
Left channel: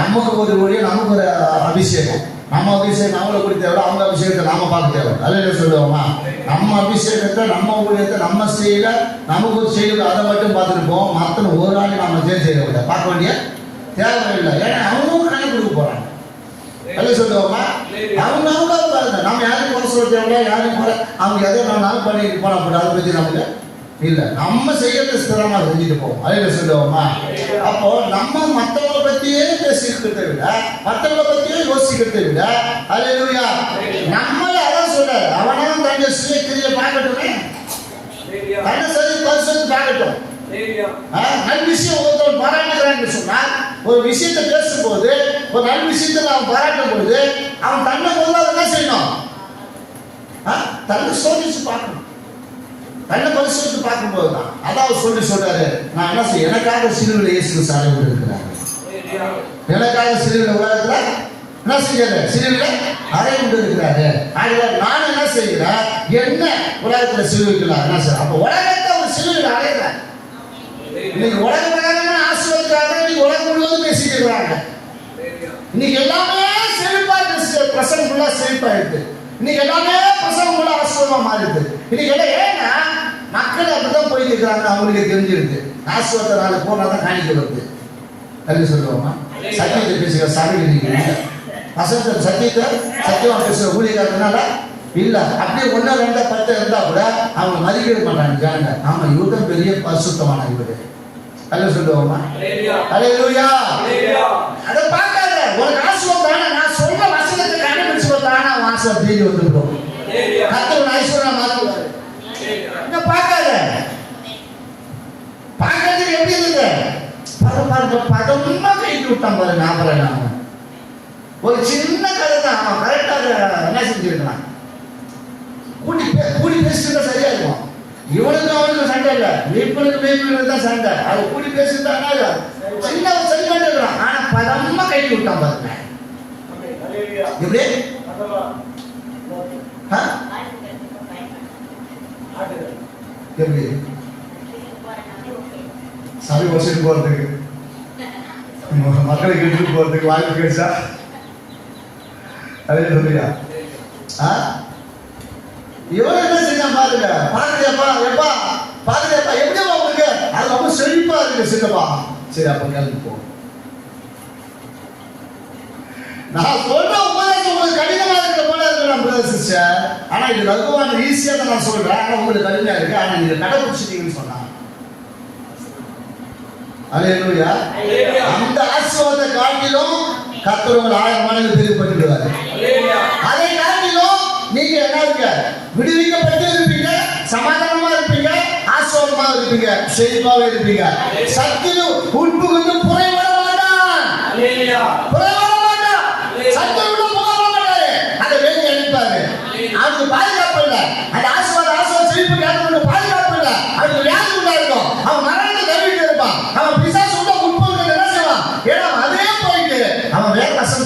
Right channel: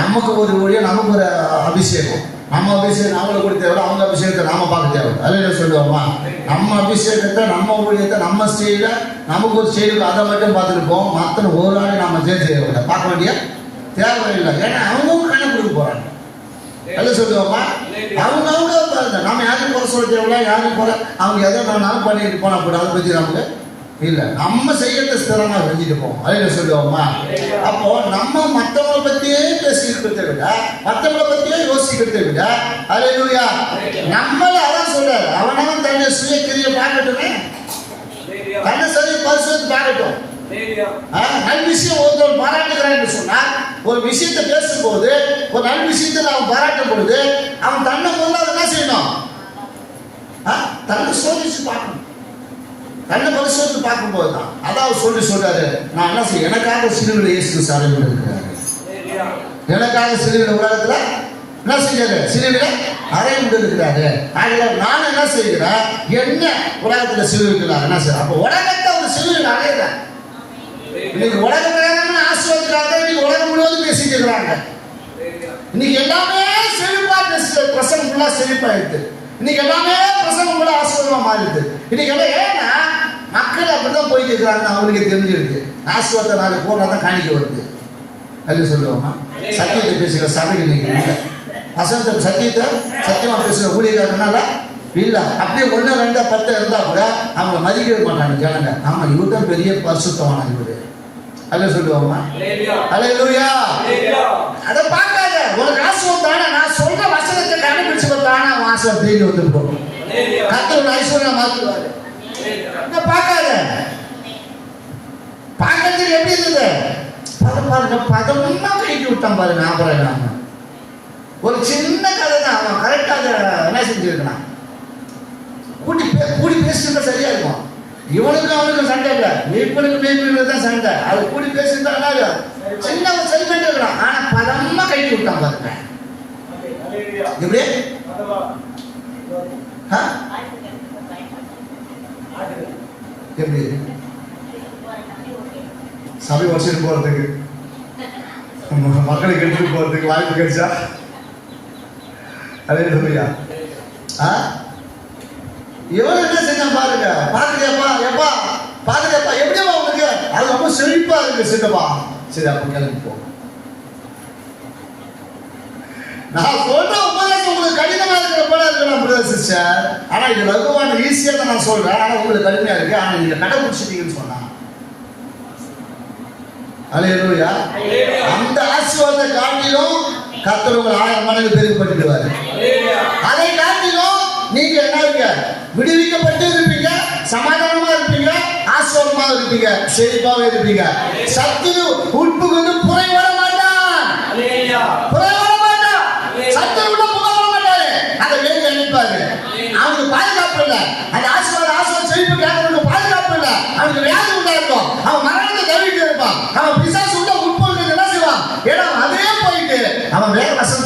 நமக்கு ஒரு ஒளியை நமக்கு ஒரு அபிஷேகம், நம்ம அபிஷேகம் நம்மளை கொடுத்த தேவை, அவங்க அபிஷேகத்தை நாம பார்க்க தேவை அல்ல சொல்லுவோமா. நம்ம அபிஷேகத்தை நம்ம ஊழியத்தை நம்ம செய்யல, நமக்கு ஒரு செய்யல அதை மட்டும் பார்த்துருப்போம். மற்ற ஒரு நாள் நம்ம செய்ய பார்க்க வேண்டிய தேவையில்லை. ஏன்னா அவங்க கணக்கு கொடுக்க போறாங்க அல்ல சொல்லுவோமா. அவங்க நம்ம யாரும் குறை சொல்ல தேவையில்ல, யாரும் போல அவங்க எதை நானும் பண்ணிட்டு போனா கூட அதை பற்றி நமக்கு இல்லை. நம்ம செய்யறத ஸ்திரமா செஞ்சுட்டு போவோம் அல்ல சொல்லுவோமா. அப்போ நம்ம மற்றவங்களை பத்தியே பேசிக்கிறதை விட, மற்றவங்களை பத்தியே யோசிக்கிறதை விட அல்லேலூயா நம்மள அதான் சொல்றாரு. அவனும் தன்னை சுய கிரியை பார்க்கட்டுமே, தன்னை சரி பரிசுத்து பார்க்கட்டும். நல்ல விஷயம் ஒருத்தவன் பாராட்டுகிறான்னு சொன்னா, ஒரு விஷயத்தை பேசும்போது ஒரு நல்ல விஷயத்தில் அவன் பாராட்டும் பொழுது அவன் தன்னை முதல்ல என்ன செய்யணும்? தன்னை சோதிச்சு பார்க்கணும். தன்னை பரிசோதித்து பார்க்கும்போது தான் அதாவது சொல்றாரு. நான் என்ன செய்ய எனக்காக சிலுவையில் இயேசு சாலை இருக்கிறாரு. எனக்காக சிலுவையில் உலகத்துல என்ன செய்யறாரு? சிலுவையில் அறை கொண்டு இருக்கிறாரு. நான் என்ன செய்கிறேன்? என்ன உலகத்துல சிலுவைக்கலாம் என்ன செய்யறேன்? அப்ப உலகத்தை ஒரு சிலுவையில் அறையிறேன். இன்னைக்கு உலகத்துக்காக ஆசீர்வாதத்துக்காக இன்னைக்கு உலகம் முழுவதும் பேசிட்டு இருக்கிறாங்க. இன்னைக்கு எல்லாமே செழிப்பா பிரசங்கம் ஃபுல்லா செழிப்பாயிடுது. இன்னைக்கு எல்லாமே பிரசங்கம் ஃபுல்லா ஆசீர்வாதமா மாறிடுது. இன்னைக்கு எல்லாம் ஏன்னா மக்கள் அப்படிதான் போயிட்டு இருக்கிறாங்க. அவங்களுக்கு தெரிஞ்சிருக்கு ஆசீர்வாத நாள் போனாதான் காணிக்க வருது அல்ல சொல்லுவாங்க. சத்தியத்தை பேசுகிற சபைகள் நீங்க இல்லை. அசத்த சத்தியத்தை சத்தியமா பேசுகிற ஊழியர்களால இல்ல. அப்படியே 1 2 10 இருந்தா கூட அவங்க மதிக்கவே மாட்டாங்க ஜனங்க. ஆமா இவர்தான் பெரிய பரிசுத்தமான இவரு அல்ல சொல்லுவாங்க. அல்லேலூயா. அதை பார்க்காத உனக்கு ஆசீர்வாதம் நான் சொல்ற வசனத்தை கண்டுபிடிச்சு வந்தானா ஆசீர்வாதம் தேடி வந்துட்டு போகும். கர்த்தர் ஐஸ்வர்யம் மாத்துவாரு. பார்க்காத பார்க்கறது எப்படி இருந்தது? பதமா கைட்டு விட்டான் பாரு. ஞாபகம் ஒரு சின்ன கதை தான். அவன் கரெக்டாக என்ன செஞ்சிருக்கான்? கூடி பேசிட்டு சரியா இருக்கும். இவனுக்கு அவனுக்கு சண்டை இல்லை, மேய்ப்பனுக்கு தான் சண்டை. அது கூடி பேசிட்டு சின்ன சரி பண்ணி இருக்கிறான். ஆனா பதமா கைட்டு விட்டான் பாருங்க. எப்படி எப்படி சபை வசதி போறதுக்கு மக்களை கெட்டு போறதுக்கு வாய்ப்பு கிடைச்சா அதே சொல்லியா? இவன் என்ன செஞ்சான் பாருங்க. பாத்துக்கப்பா எப்பா பாத்துக்கப்பா எப்படிப்பா உங்களுக்கு அது ரொம்ப செழிப்பா இருக்கு சின்னப்பா. சரி அப்ப கிளம்பி போ. நான் சொல்ற உபதேசம் உங்களுக்கு கடினமா இருக்கிற போல இருக்கலாம் பிரதர் சிஸ்டர். ஆனா இது லகுவான ஈஸியா தான் நான் சொல்றேன். ஆனா உங்களுக்கு கடுமையா இருக்கு. ஆனா நீங்க கடைபிடிச்சிட்டீங்கன்னு சொன்னாங்க. அல்லேலூயா. அந்த ஆசீர்வாதத்தை காட்டிலும் கர்த்தர் உங்கள் 1000 மடங்கு பெருகப்பட்டுடுவார். அதை காட்டிலும் நீங்க என்ன இருக்க விடுவிக்கப்பட்டு இருப்பீங்க, சமாதானமா இருப்பீங்க, ஆசீர்வாதமா இருப்பீங்க, செழிப்பாக இருப்பீங்க. சக்தியும் உட்புகுந்து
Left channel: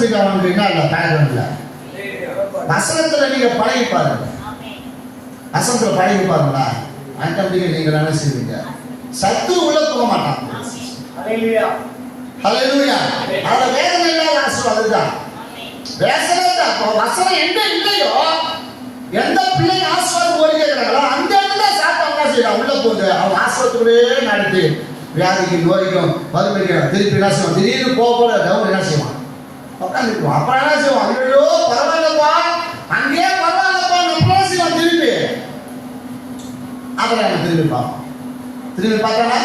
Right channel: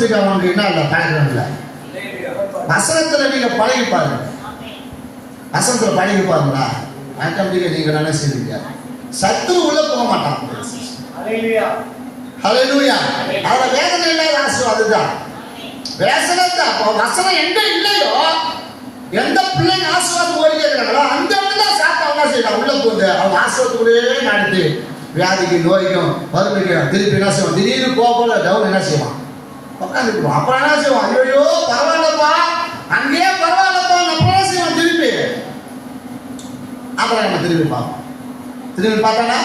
வசனத்துக்கு அவனுக்கு என்ன இல்லை பேக்ரவுண்ட்ல. வசனத்துல நீங்க பழகி பாருங்க. வசனத்துல பழகி பாருங்களா, ஆட்டோமேட்டிக்கா நீங்க என்ன செய்வீங்க, சத்து உள்ள போக மாட்டான். ஹalleluya. ஹalleluya. அவ வேதனை இல்லாத ஆசீர்வாதம் அதுதான். வேதனை வசனம் எங்க இல்லையோ, எந்த பிள்ளைங்க ஆசீர்வாதம் ஓடிக்கிறாங்களோ அந்த இடத்துல சாப்பிட்டா என்ன செய்யலாம், உள்ள போகுது. அவன் ஆசீர்வாதத்துக்குள்ளே நடத்தி வியாதிக்கு நோய்க்கும் மறுபடியும் திருப்பி என்ன செய்வான், திடீர்னு போக டவுன் என்ன செய்வான், உட்காந்துக்குவான். அப்புறம் என்ன செய்வான், ஐயோ பரவாயில்லப்பா, அங்கேயே பரவாயில்லப்பா, நம்ம என்ன செய்வான் திருப்பி. அப்புறம் நம்ம திரும்பி பார்ப்போம். திரும்பி பார்த்தானா,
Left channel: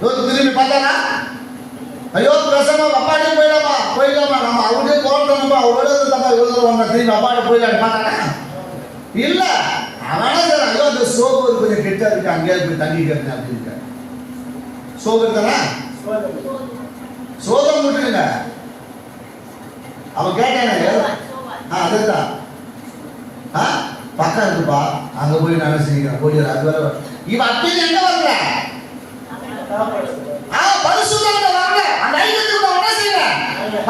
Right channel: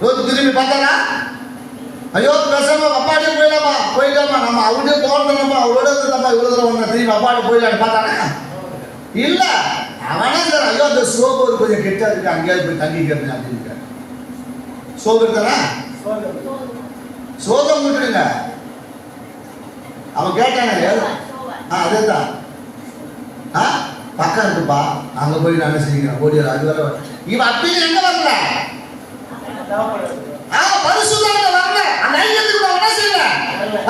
திரும்பி பார்த்தானா, ஐயோ பேசாம அப்பாடி போயிடலாமா, போயிடலாமா, நம்ம அவருடைய போறதுமா, அவரோட இருந்தப்பா இவ்வளவு வந்தா திரும்பி அப்பாடி போயிடலாம் பார்த்தானா இல்ல. அவனே சார் ஐயோ அந்த சோப்பு கொஞ்சம் கெட்டா இருக்கு, அங்கேயே போய் தங்கிக்கிறேன் அப்படின்னு சோப்பு தானே, சோதம் விட்டுருங்க. அவன் கேட்டானே அதேதான் பக்கம் இருக்குப்பா, அங்க போய் நான் செய்கிறேன் ஓடி அது வேற. இவன் அப்படி எங்க வரல, பரிசுத்தம் வரல, அந்த ஐயத்துக்கு என்ன செய்யல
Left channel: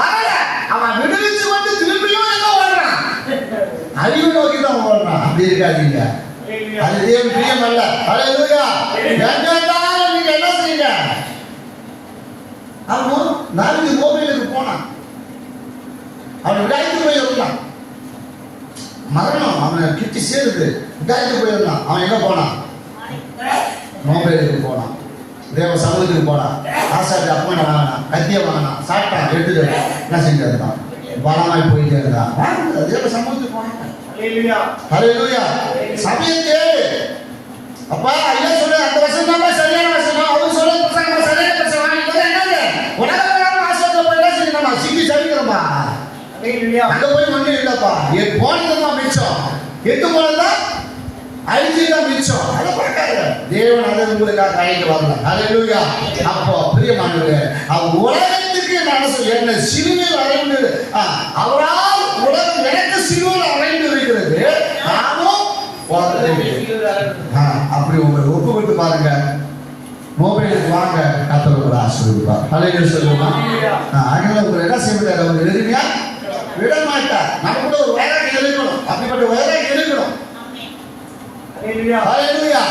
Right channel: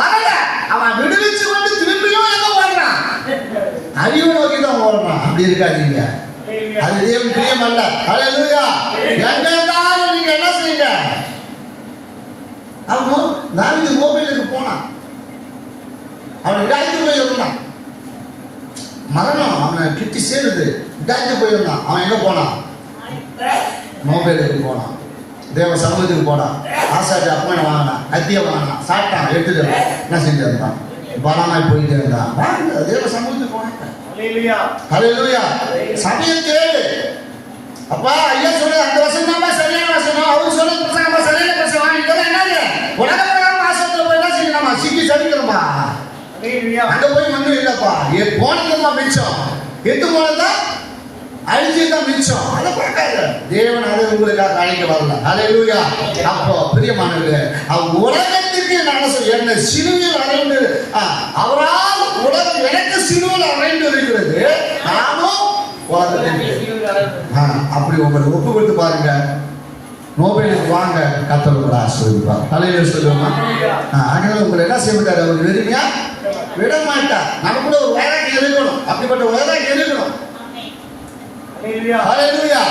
வரல. அவன் விடுவிச்சு கொண்டு திரும்பியும் எங்க ஓடுறான், அழிவு நோக்கி தான் ஓடுறான். அப்படி இருக்காதீங்க, அது தேவன் பிரியம் அல்ல. ஹalleluya. எங்கேனாலும் நீங்க என்ன செய்யுங்க. அவன் நாளைக்கு மொபைலுக்கு போனான், அவன் விடாய்த்து போய் இருந்தான், மரணம் அவனை கிட்டி சேருது, விடாய்த்து போயிருந்தான். அவன் எங்க போனான், மொபைலுக்கு போனான், தேவ சமூகத்துக்கு போனான், ஆசாரி அப்பனை வாங்கினான், கத்திய வாங்கினான், சாப்பிட்டான், எடுத்துட்டு என்ன செஞ்சு இருந்தான், பலமாய் போயிட்டே இருந்தான். தேவ சமூகத்துக்கு போனான். ஹalleluya. சமயம் தேவை. அப்பா ஐயா சொன்ன அந்த வசனம் தான் சரியான வசனம், அவர் சொல்ற வசனம் சரியான வசனம். இதெல்லாம் என்னங்க உலகமான வாசத்துல போய் என்ன செய்யணுமா, சிக்கி சரிக்கிறோமா. ஹalleluya. அங்க போய் ஒண்ணும் இல்லப்பா, போனதுதான் மிச்சம், எட்டு போனதா அழிஞ்சதுதான் மிச்சம். அதை பார்க்காத தேவன் அதை உங்களுக்காக அழைக்க வரல. ஹalleluya. அப்போ பிரியமானவர்களே, உலகத்துக்கு நான் என்ன சிலுவையில் அறைந்து அவரால் உலகம் எனக்கு சிலுவையில் அறைந்து இருக்கிறது, நானும் உலகத்துக்கு அப்படி உங்களை ஒப்பு விட்டு பாருங்க. மொபைலுக்கு வாங்க, கத்தர் ஆசீர்வதிப்பார். ஹalleluya சொல்லுமா. அதனால உங்களை என்ன செய்வார், அவர் வெறுமையா விட மாட்டார். நமக்குள்ள ஒரு வைராக்கியம் இருக்கணும், அப்படிப்பட்ட வைராக்கியம் இருக்கணும். ஹalleluya. ஹalleluya.